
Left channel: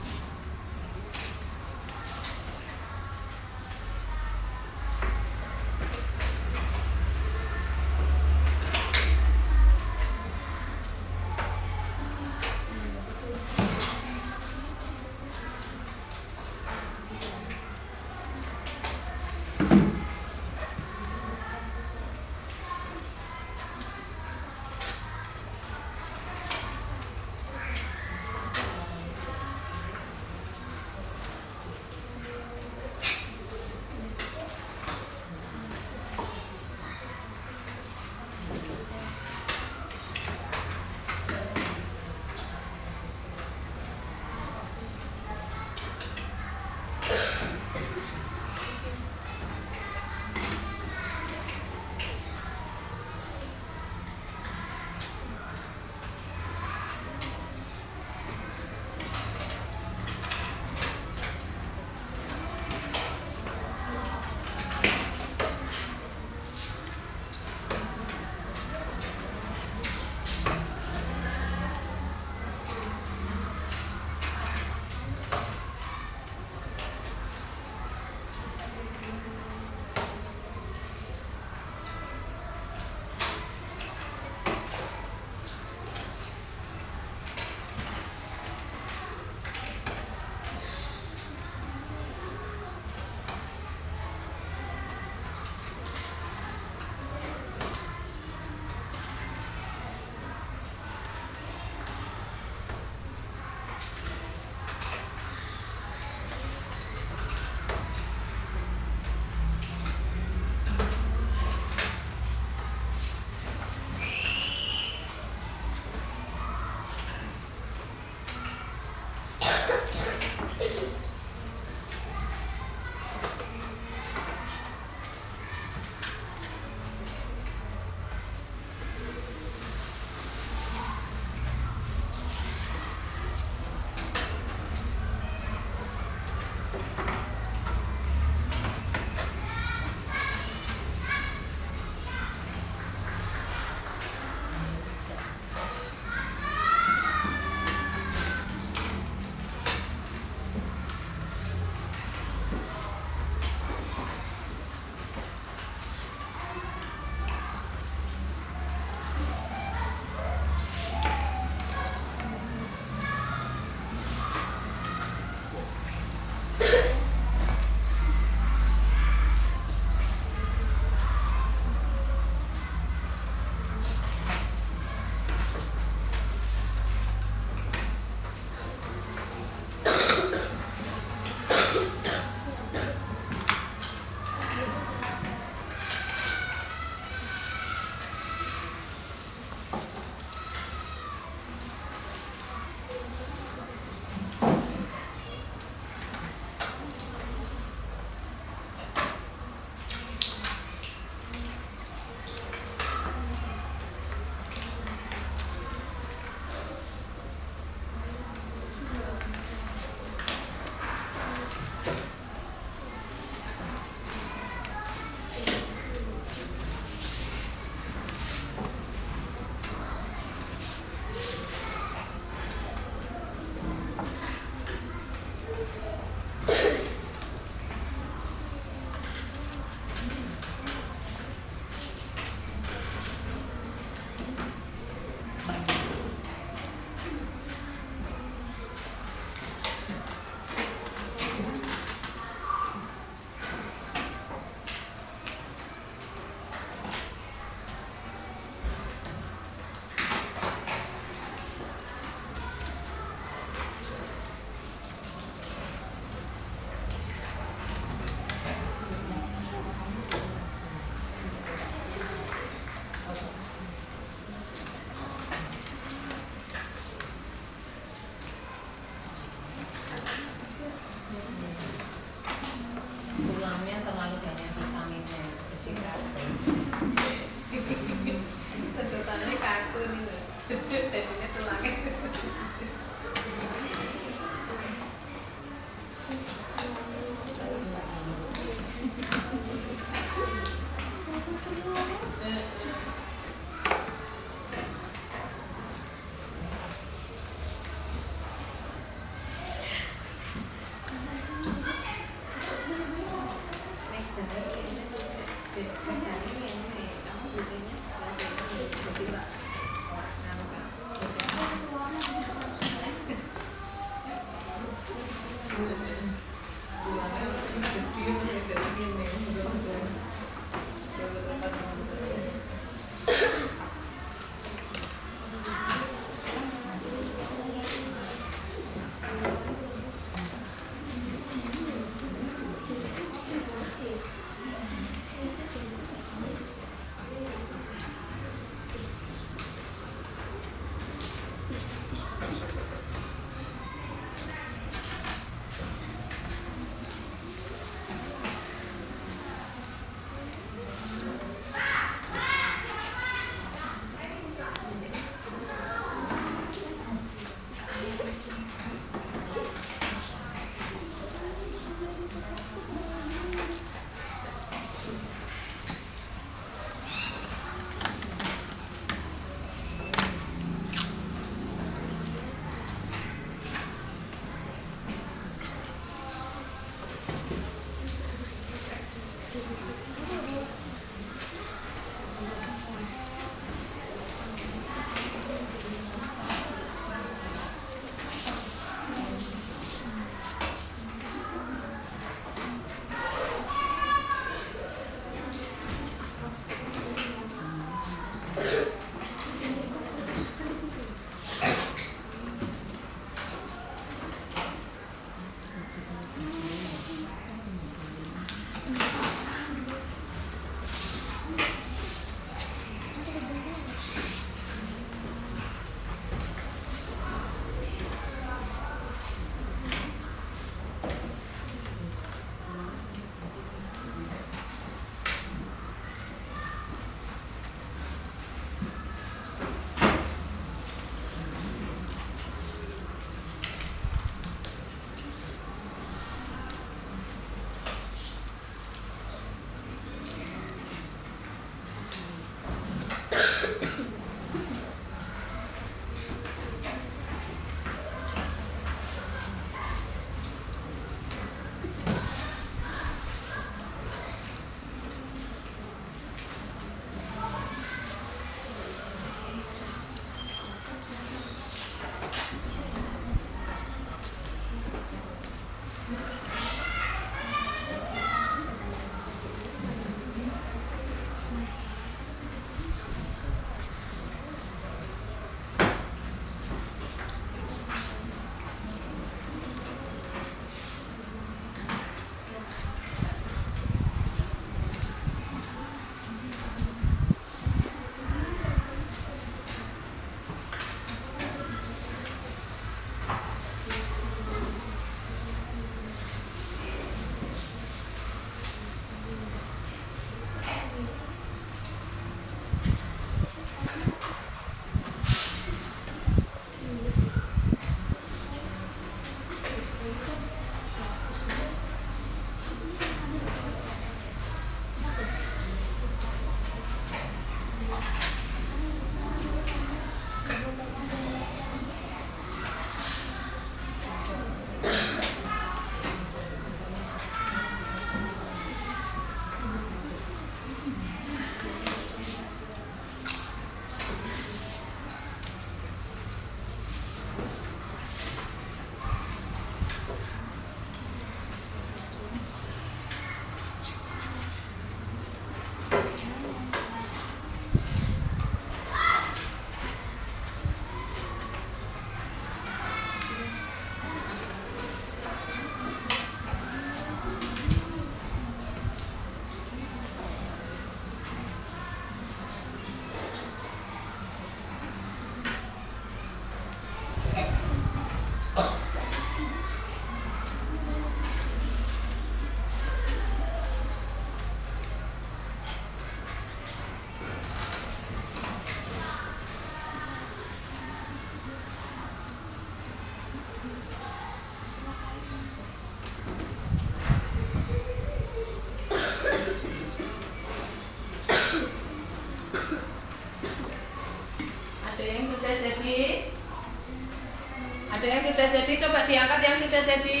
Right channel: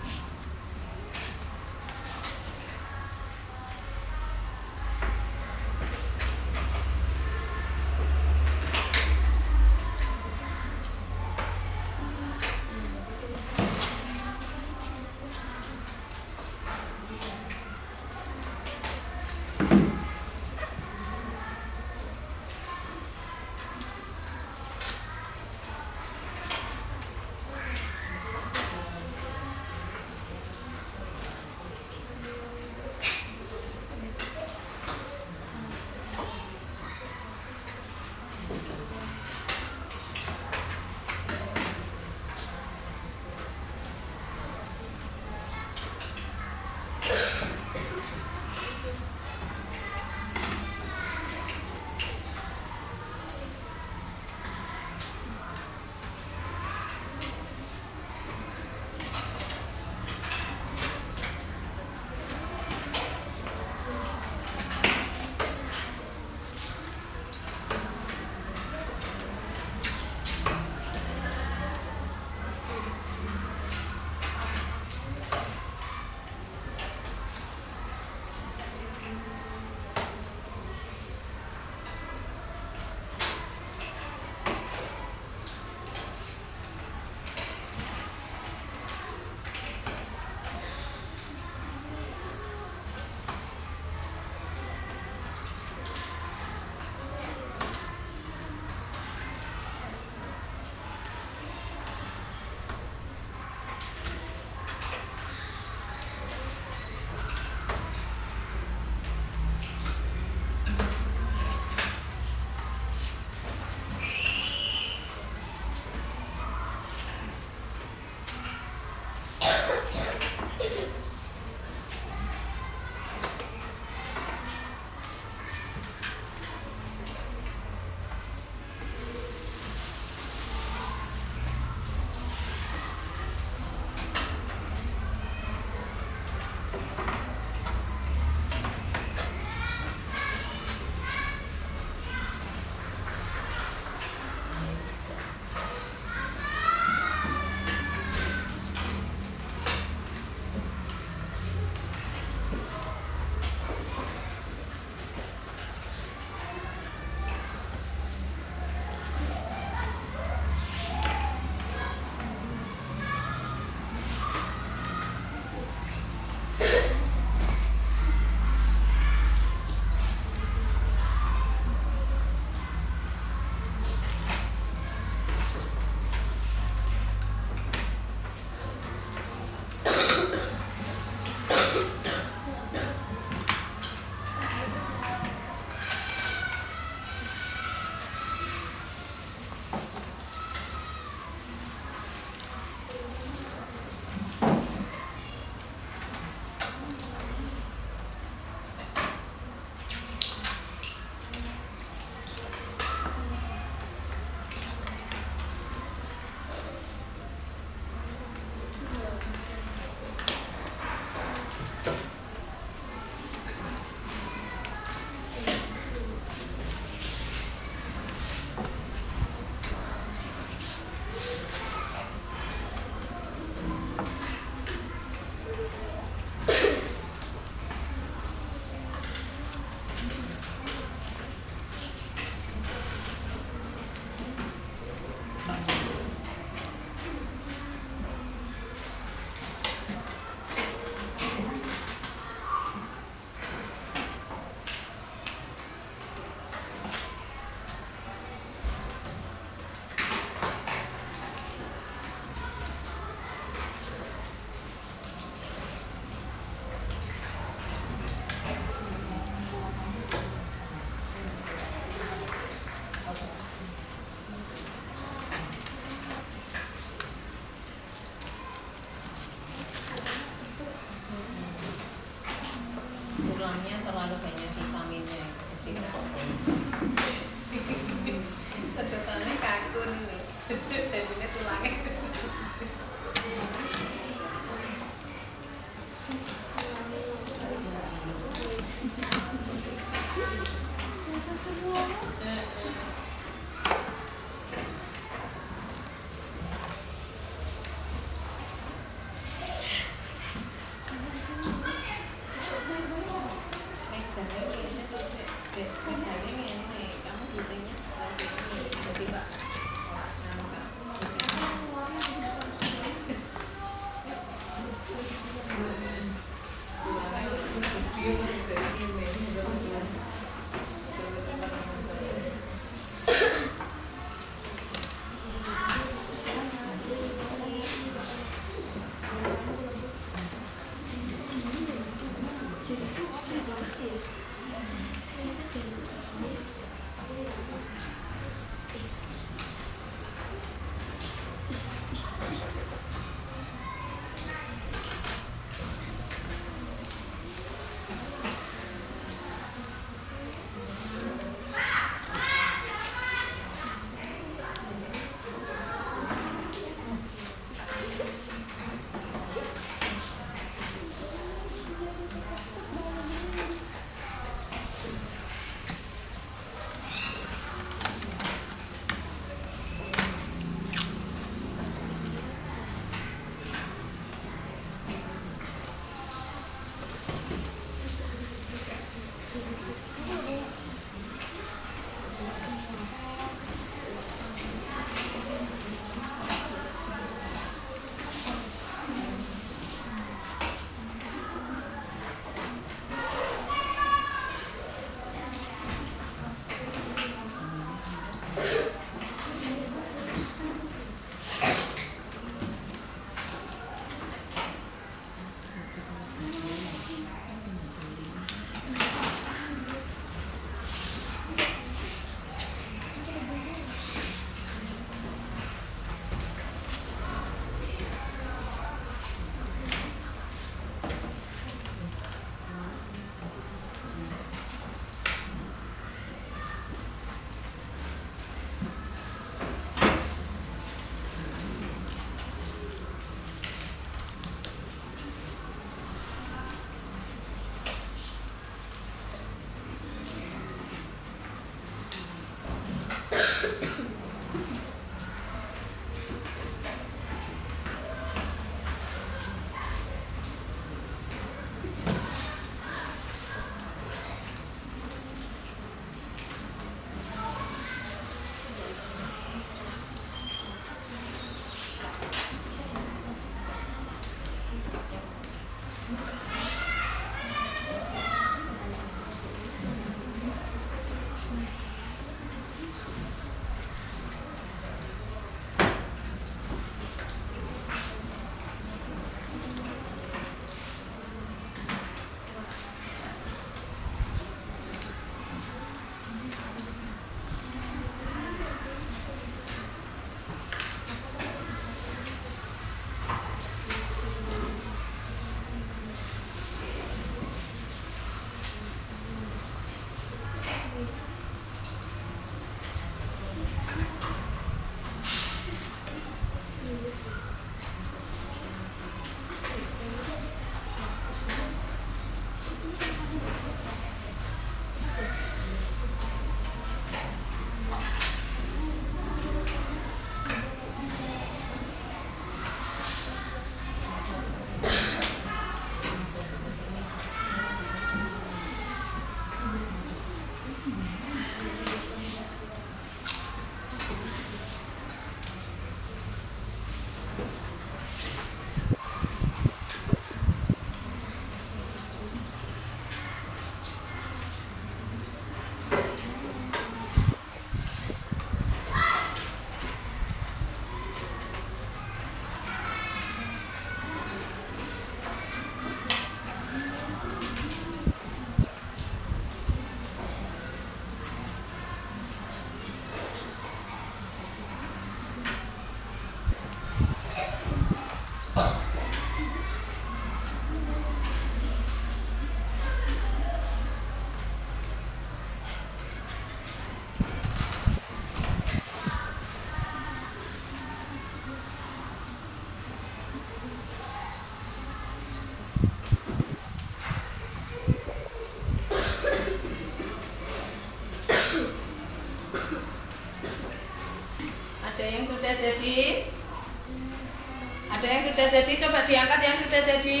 Coba diangkat yang sudah jadi.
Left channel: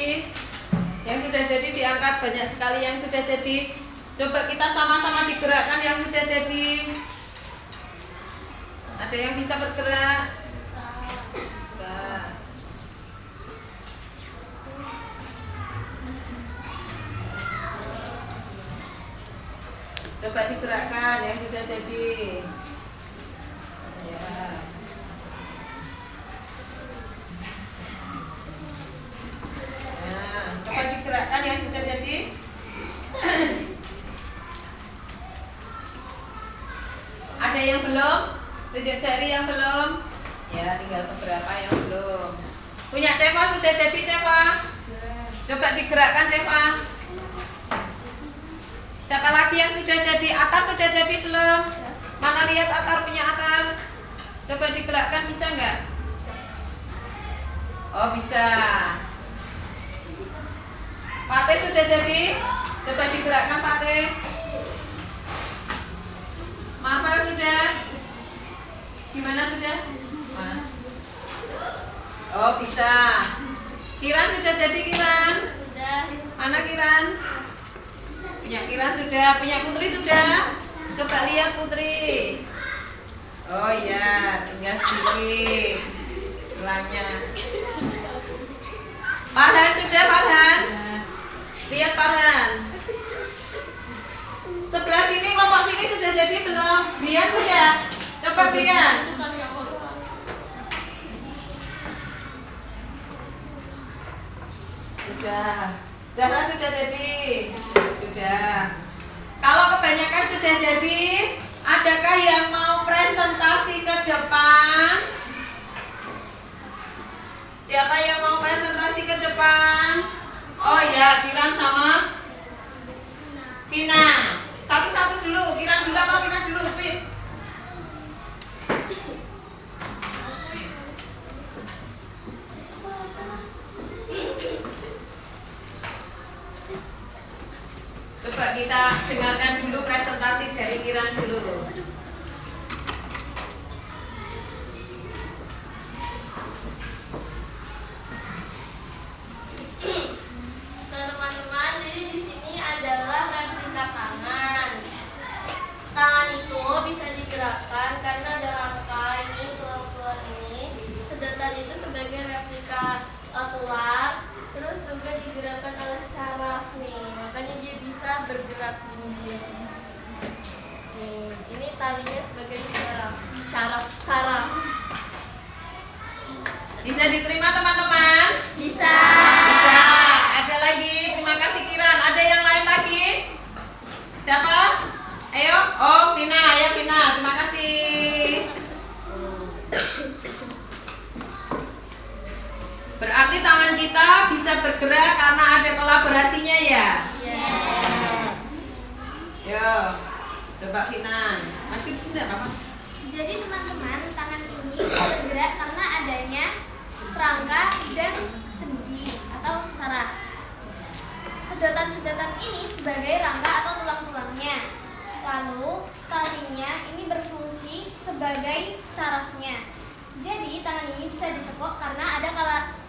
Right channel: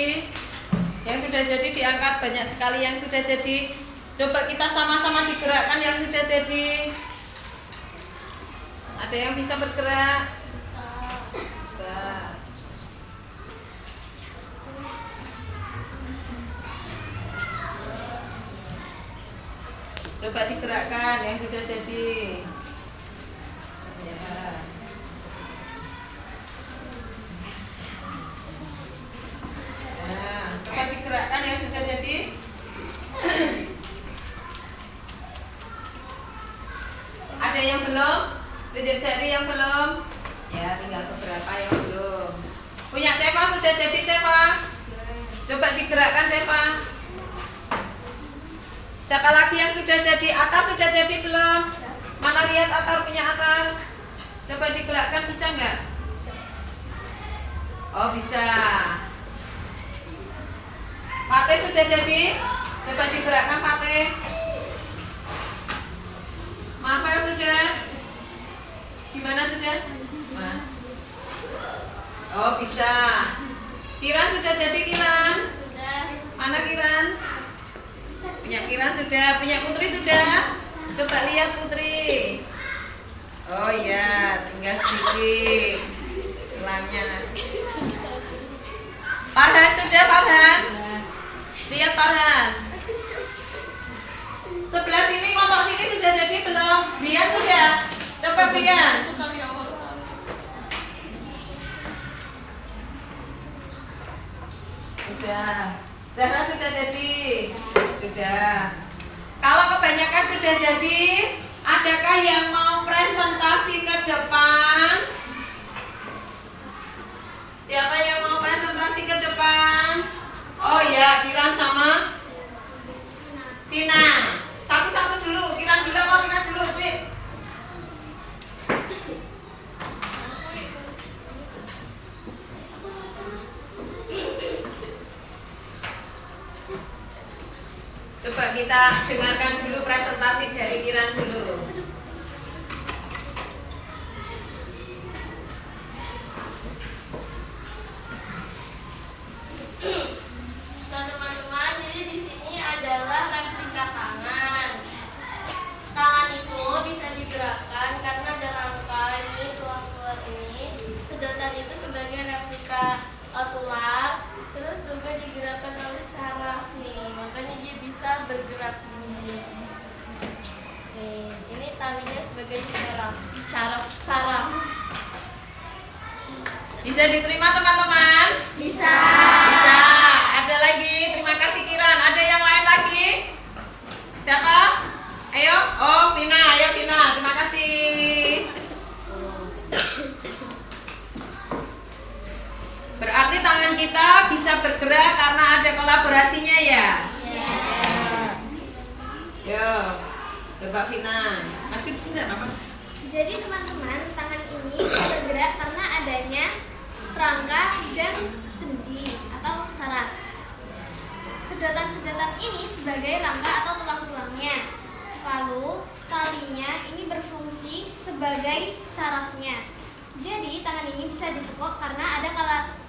Yang sudah jadi diangkat, banyak sekali yang sudah jadi. Coba kita sama-sama digerakkan yang sudah jadi. Ada yang bisa bergerak? Bisa. Coba digerakkan yang sudah jadi. Ya. Nah, coba digerakkan yang sudah jadi. Ada yang belum? Tunjuk jari yang belum? Ya, tinggal beberapa yang belum. Punya Ceva sudah jadi Ceva? Coba digerakkan Ceva. Siapa lagi yang sudah jadi? Atar sudah jadi belum? Mana lihat Atar punya Atar? Coba digerakkan bisa nggak? Oh bisa. Pate sudah jadi? Coba digerakkan Pate. Mafal sudah? Gimana sudah? Mas. Oh bisa. Kiran sudah jadi Kiran? Mana Kiran? Punya Kiran sudah, punya Putri sudah? Coba lihat Putri. Oh iya, tinggal sedikit. Tulangnya. Farhan sudah Farhan? Lihat Farhan. Sebelah sini, kelompok sini sudah jadi belum? Brian sudah? Coba Brian. Sudah. Zahra sudah jadi? Sudah. Kalau kebanyakan sudah jadi, adakah yang mau presentasi ke depan? Siapa yang mau presentasi ke depan? Oh ya, Kiran sama Vina. Satu-satu dulu, Kiran dulu apa Vina dulu? Sweet. Coba kita dengarkan dulu presentasi dari Kiran dulu. Nah, teman-teman, jadi di sini adalah replika tangan. Tangan itu bisa digerakkan karena ada rangka ini, tulang-tulang ini. Sedotan itu sebagai replika tulang, terus juga digerakkan oleh saraf nih, makanya dia bisa bergerak nih. Ini talinya sebagai saraf. Bisa diterima teman-teman? Bisa. Bisa. Ada lagi. Terima kasih Kiran. Ada yang lain lagi? Siapa? Ayo. Oh, Vina. Ayo Vina. Terima kasih. Berarti tangan kita bisa bergerak karena ada kolaborasinya ya? Yo. Coba Vina. Maju tidak apa-apa. Jadi teman-teman, tangan ini bisa bergerak karena adanya rangka dan sendi atau saraf. Sedotan-sedotan ini sebagai rangka atau tulang-tulangnya. Lalu talinya ini berfungsi sebagai sarafnya. Jadi tangan ini bisa ditekuk karena ada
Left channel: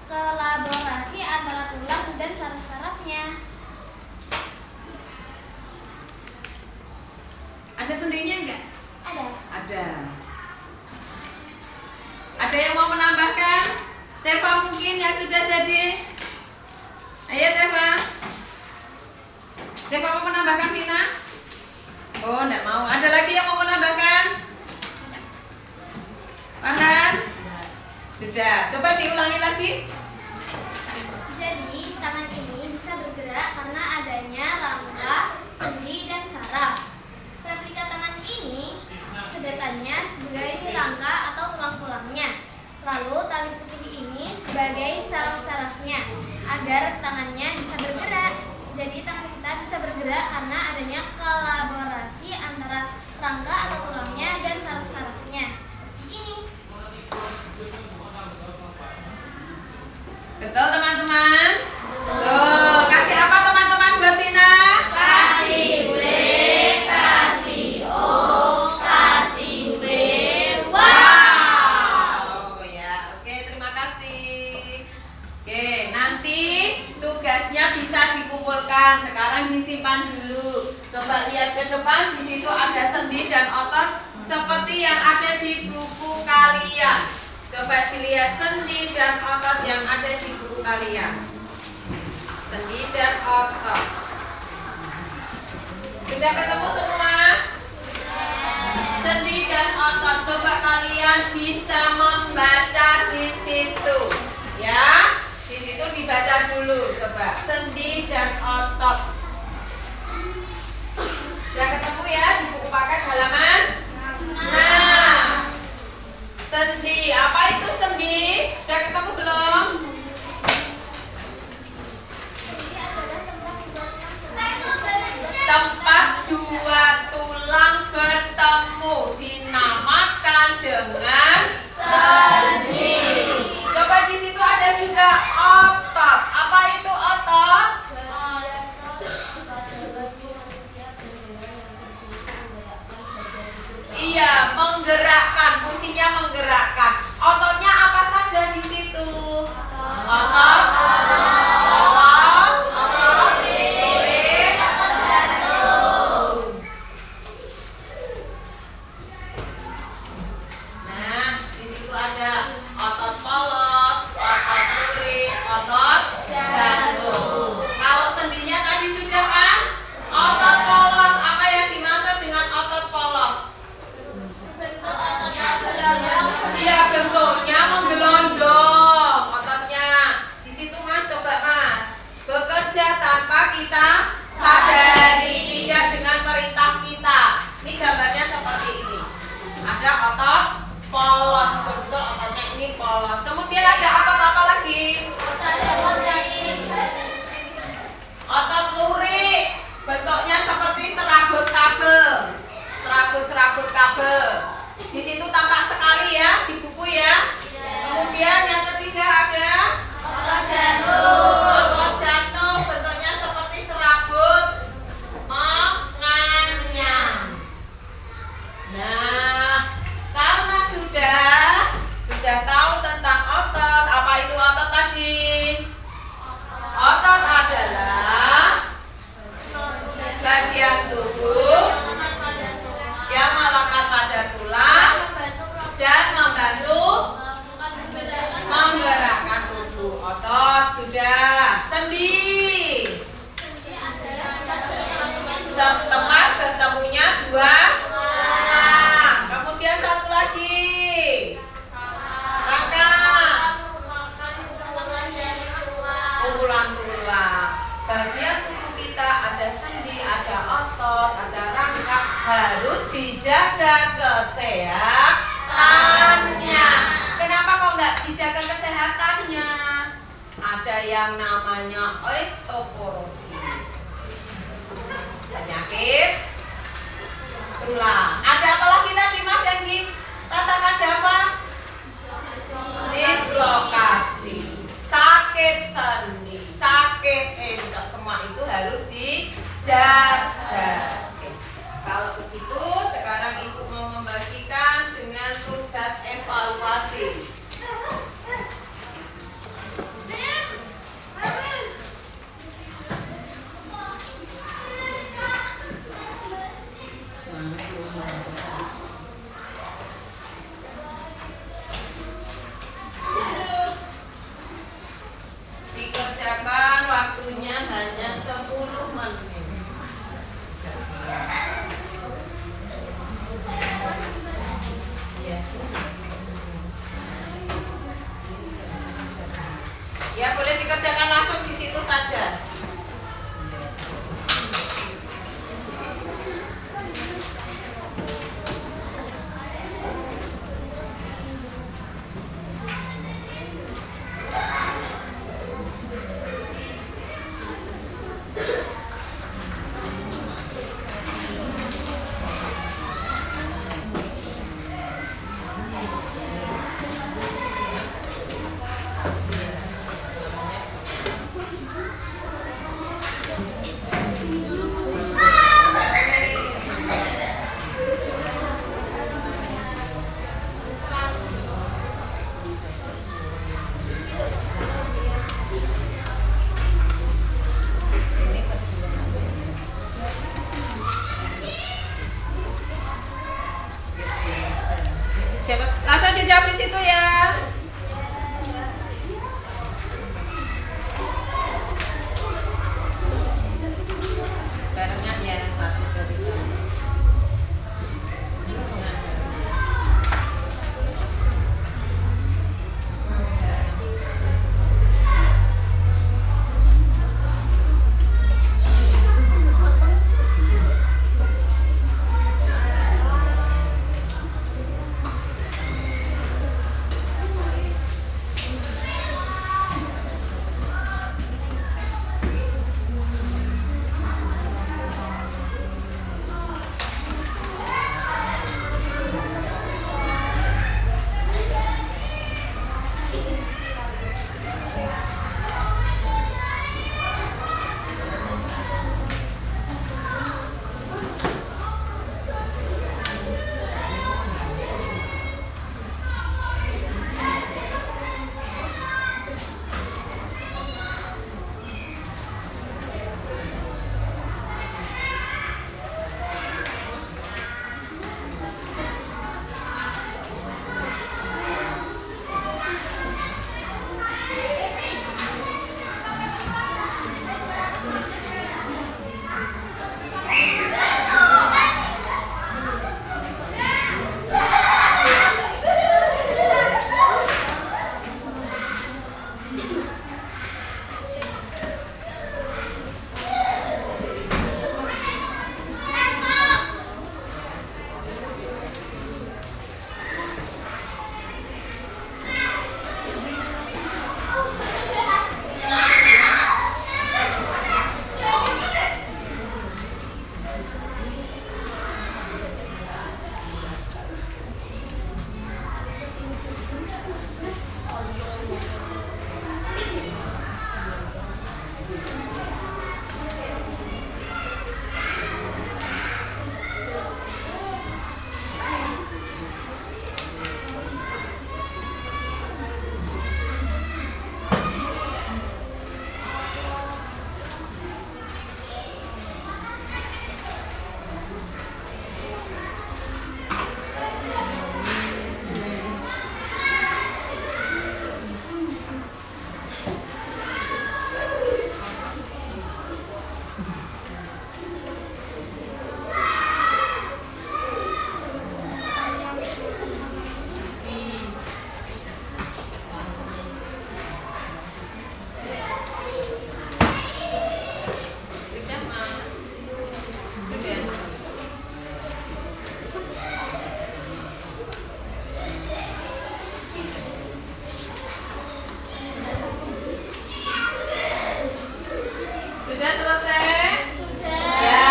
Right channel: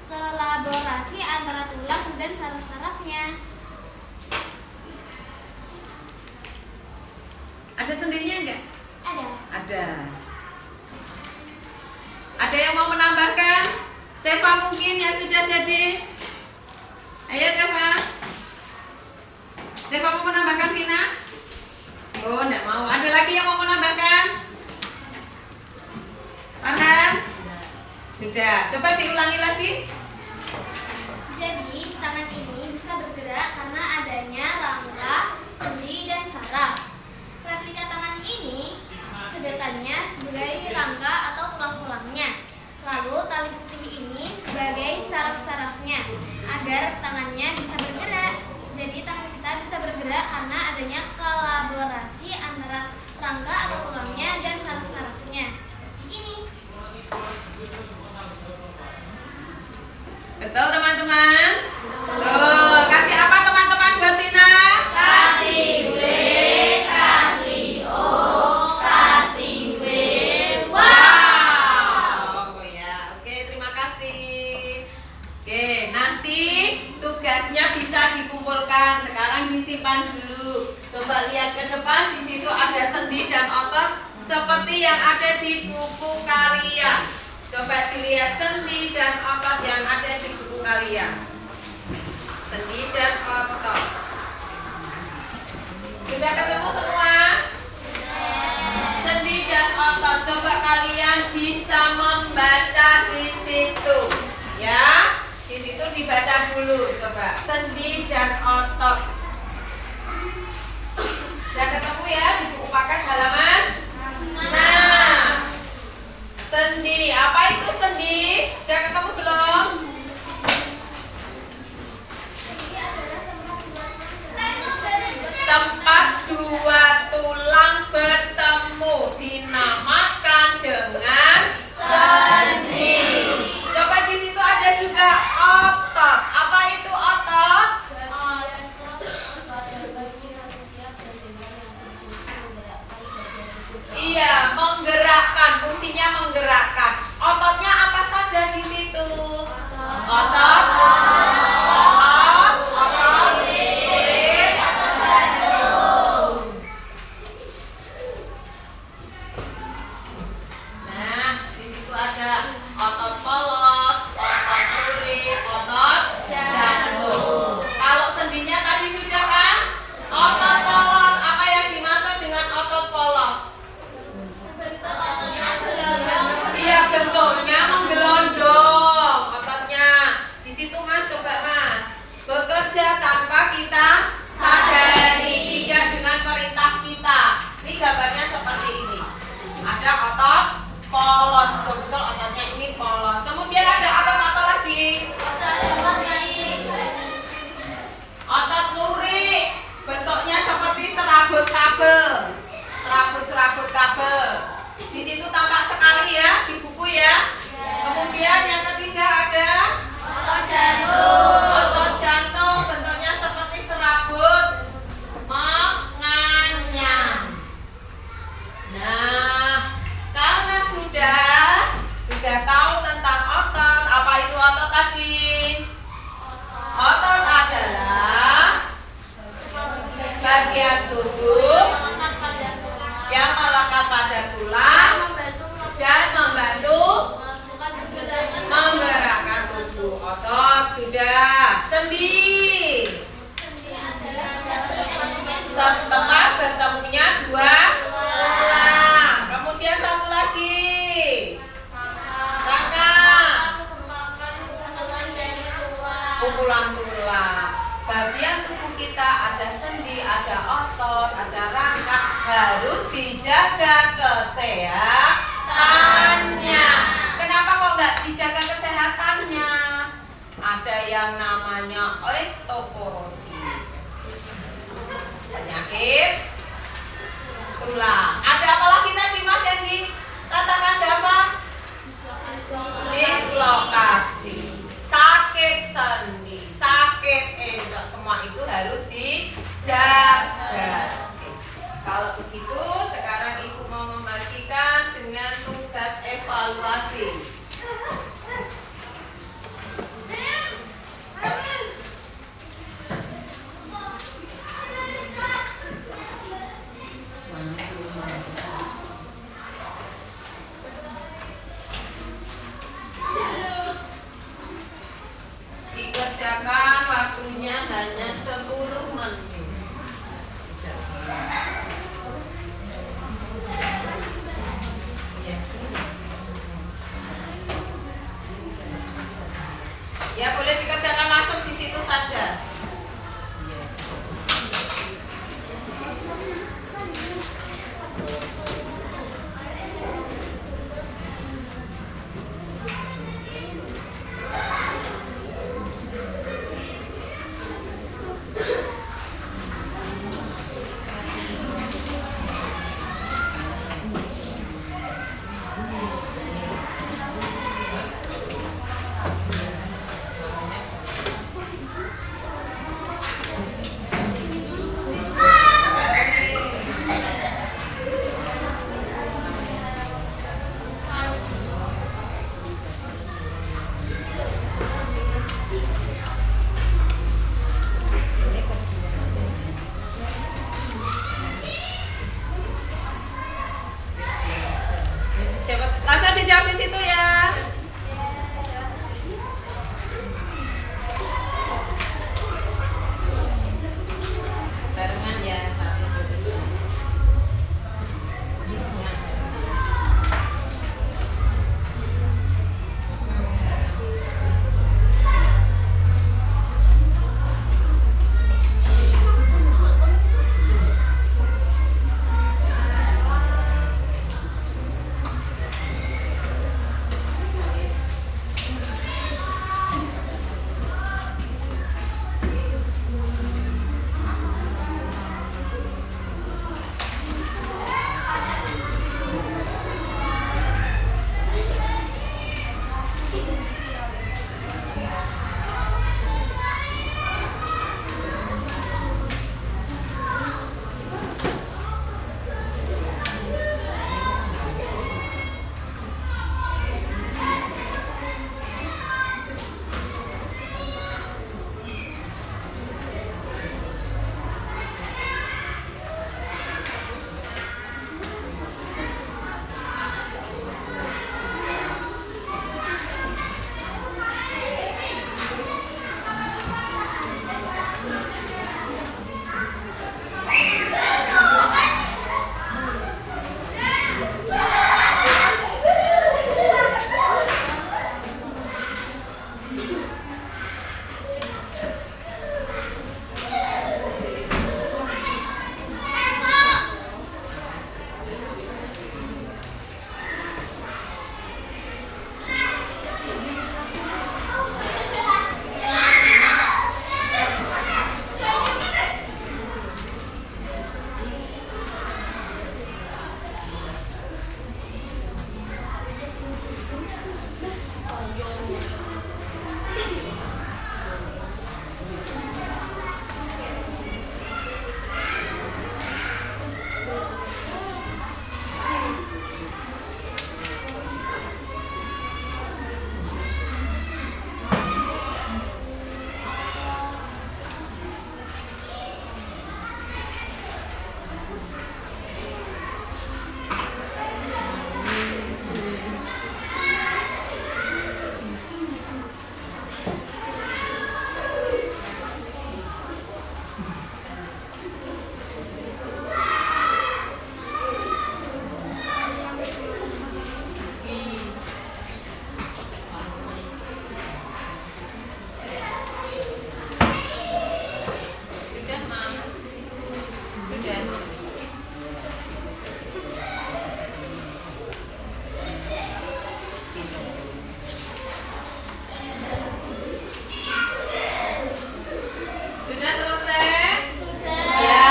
kolaborasi antara tulang dan saraf-sarafnya. Ada sendinya enggak? Ada. Ada. Ada yang mau menambahkan? Ceva mungkin yang sudah jadi. Ayo Ceva. Ceva mau menambahkan Vina? Oh, enggak mau. Ada lagi yang mau menambahkan? Farhan? Sudah. Coba diulangi lagi. Jadi tangan ini bisa bergerak karena adanya rangka, sendi, dan saraf. Replika tangan ini sedotannya sebagai rangka atau tulang-tulangnya. Lalu tali putih ini sebagai saraf-sarafnya agar tangannya bisa bergerak. Jadi tangan kita bisa bergerak karena adanya kolaborasi antara rangka atau tulangnya dan saraf-sarafnya. Seperti ini. Betul teman-teman? Betul. Kasih apa teman-teman buat Vina? Kasih B, kasih O, kasih B. Wow. Oh ya, oke terima kasih. Oke. nanti tugasnya bisa dikumpulkan. Sekarang disimpan dulu. Coba lihat ke depan, di situ ada sendi dan otot seperti yang ada di buku kalian. Coba dilihat sendi dan otot yang ada di buku kalian. Sendi dan otot. Sudah ketemu semua? Sendi dan otot. Coba kalian bisa membaca di situ. Ya, di situ dibaca dulu. Coba sendi dan otot. Sudah ketemu ya di buku paket halaman? Nah, sendi. Apa itu sendi? Sudah ketemu belum? Tempat dua tulang bertemu dinamakan dengan sendi. Coba di situ ada juga otot. Apa itu otot? Iya, menggerakkan. Fungsinya menggerakkan. Ototnya apa saja di situ? Otot polos, otot lirik, otot jantung. Nah, di situ ada otot polos, otot lirik, otot jantung. Kalau sendinya tadi sudah kan? Otot polos. Apa yang dimaksud dengan otot polos? Iya, bentuknya menggelondong ototnya. Di situ Mas, coba Mas. Bekerja tanpa kita sadari, tidak dengan perintah kita. Ini gambarnya seperti ini. Ada otot polos, betul-betul ototnya ini polos. Kemudian ada otot apa lagi? Otot lurik. Bentuknya seperti serabut kabel. Serabut kabel. Di situ tampak sekali ya di buku ya. Kemudian yang ketiga ada otot jantung. Otot jantung bentuknya seperti serabut menganyam. Nah, karena sudah tahu tentang otot, apa itu otot tadi? Otot adalah bagian tubuh yang melekat pada tulang dan membantu menggerakkan tubuh. Otot sudah. Sendi. Tempat bertemunya dua tulang. Kemudian satu lagi. Rangka. Kumpulan tulang. Bagian tubuh kita ada sendi, ada otot, ada rangka, harus dijaga kesehatannya. Kenapa kok nggak dijaga kesehatannya? Ada yang namanya osteoporosis, penyakit tulang. Ada apa lagi tadi Mas yang dirasakan Dava? Dislokasi, sakit sendi, sakit entok, semua itu harus dijaga. Kalau begitu, sekarang Ibu mau membagikan dengan tugas evaluasi. Dikerjakan waktunya hanya 10 menit. Ya, boleh dikerjakan langsung di situ saja. Sudah selesai? Sudah. Ya,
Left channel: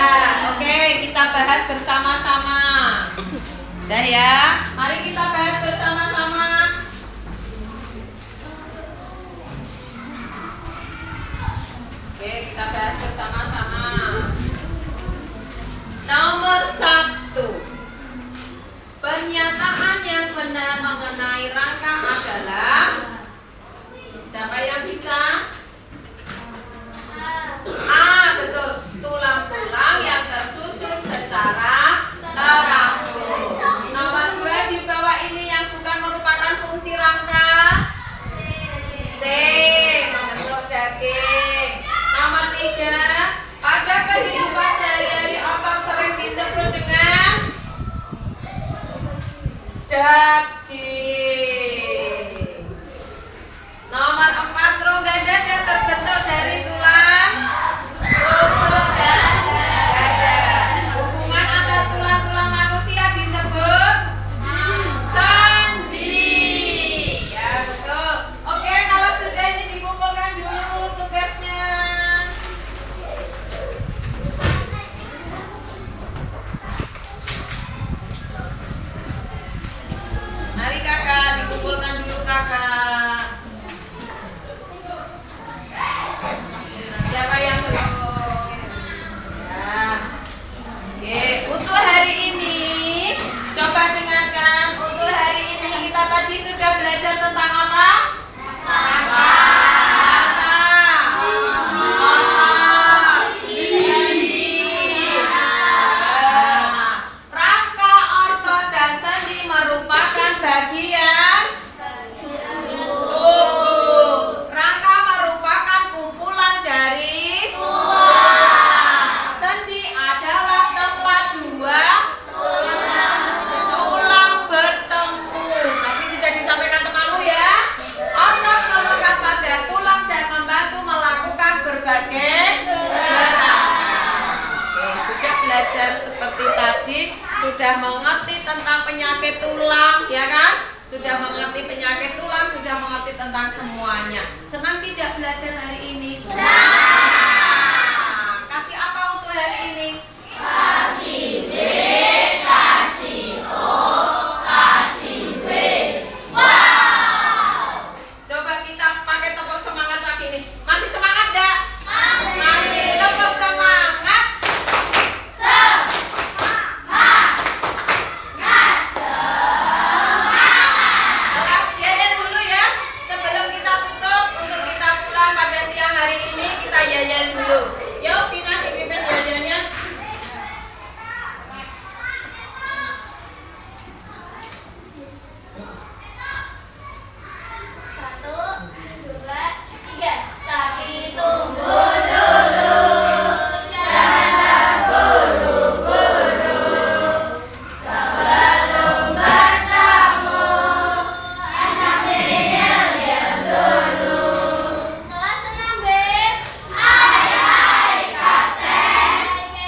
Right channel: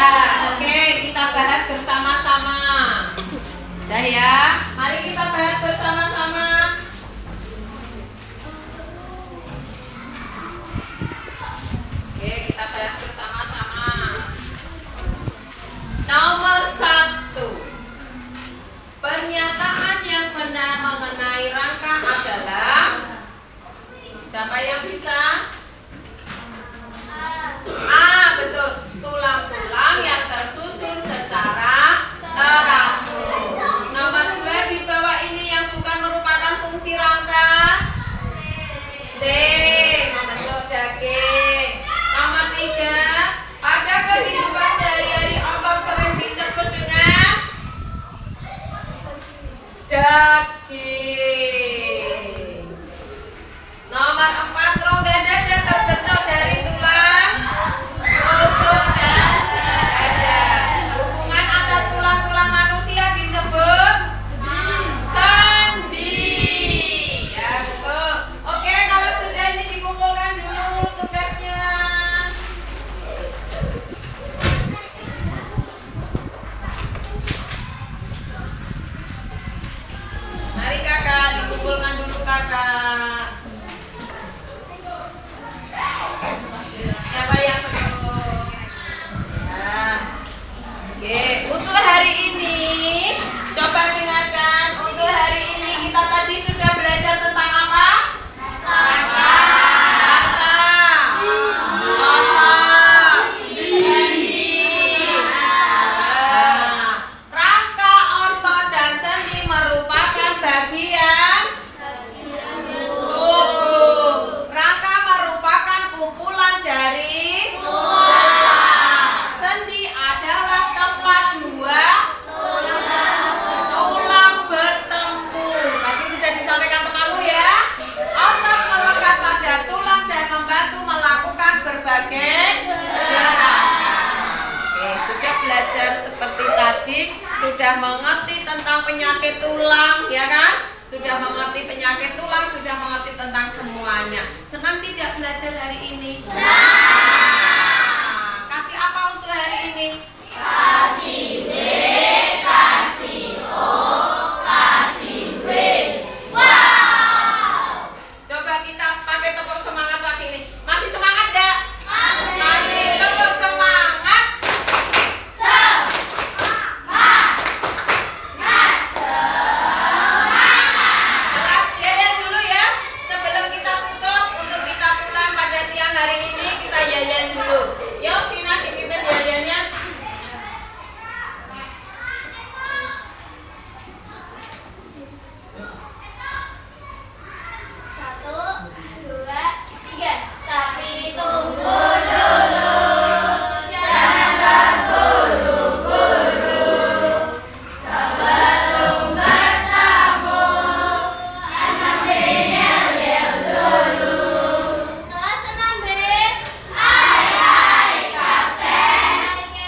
oke, kita bahas bersama-sama. Udah ya, mari kita bahas bersama-sama. Oke, kita bahas bersama-sama. Nomor 1. Pernyataan yang benar mengenai rangka adalah, siapa yang bisa? Betul, tulang-tulang yang tersusun secara teratur. Nomor 2, di bawah ini yang bukan merupakan fungsi rangka. C, membentuk daging. Nomor 3, pada kehidupan sehari-hari otot sering disebut dengan daging. Nomor 4, rongga dada terbentuk dari tulang rusuk dan dada. Hubungan antar tulang-tulang manusia disebut sendi. Ya, betul. Oke, kalau sudah ini dikumpulkan dulu tugasnya. Mari kakak, dikumpulkan dulu kakak. Siapa yang belum? Ya. Oke, untuk hari ini coba dengarkan. Untuk hari ini kita tadi sudah belajar tentang apa? Rangka, otot, dan sendi merupakan bagian tubuh. Rangka merupakan kumpulan dari tulang. Sendi adalah tempat dua tulang bertemu. Tadi sudah disampaikan temanmu ya. Otot melekat pada tulang dan membantu melakukan berbagai gerakan. Oke, sudah belajar seperti tadi, sudah mengerti tentang penyakit tulang, ya kan? Sudah mengerti penyakit tulang, sudah mengerti tentang semuanya. Senang tidak belajar hari ini? Nah, kasih apa untuk hari ini? Kasih B, kasih O, kasih W. Wow! Coba kita pakai tepuk semangat lagi nih. Masih semangat enggak? Masih. Tepuk semangat. Kelas yayat dulu ya. Sebelum kita tutup, untuk kita pulang pada siang hari ini, kita yayat dulu. Yuk, Vina dipimpin yayatnya. Satu, dua, tiga. Tapi tunggu dulu, jangan terburu-buru. Sebelum bertemu, anak yel-yel dulu. Kelas 6B. Hai hai kapten. Hai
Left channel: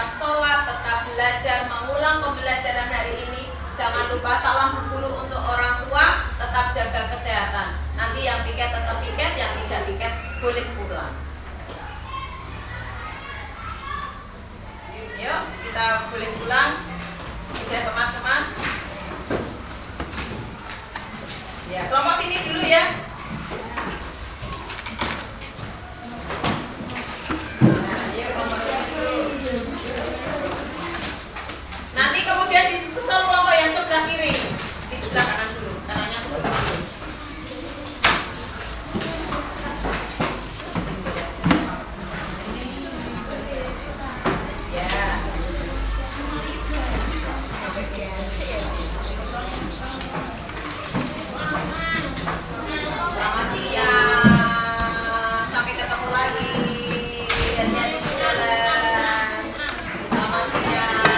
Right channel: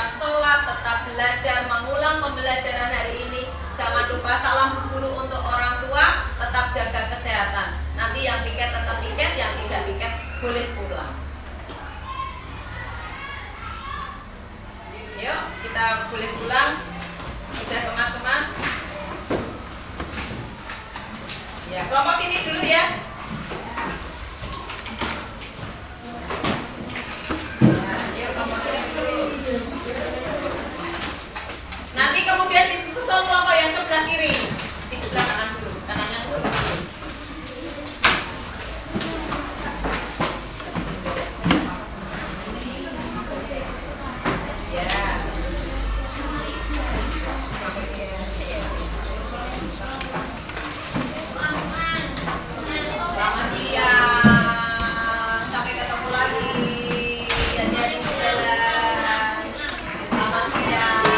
tetap sholat, tetap belajar, mengulang pembelajaran hari ini. Jangan lupa salam Bu Guru untuk orang tua, tetap jaga kesehatan. Nanti yang piket tetap piket, yang tidak piket boleh pulang. Yuk, kita boleh pulang. Sudah kemas-kemas. Ya, kelompok sini dulu ya. Nah, yuk kelompok sini dulu. Nanti kemudian disusul kelompok yang sebelah kiri. Di sebelah kanan dulu, kanannya dulu. Ya. Selamat siang. Sampai ketemu lagi. Dan jalan. Selamat siang.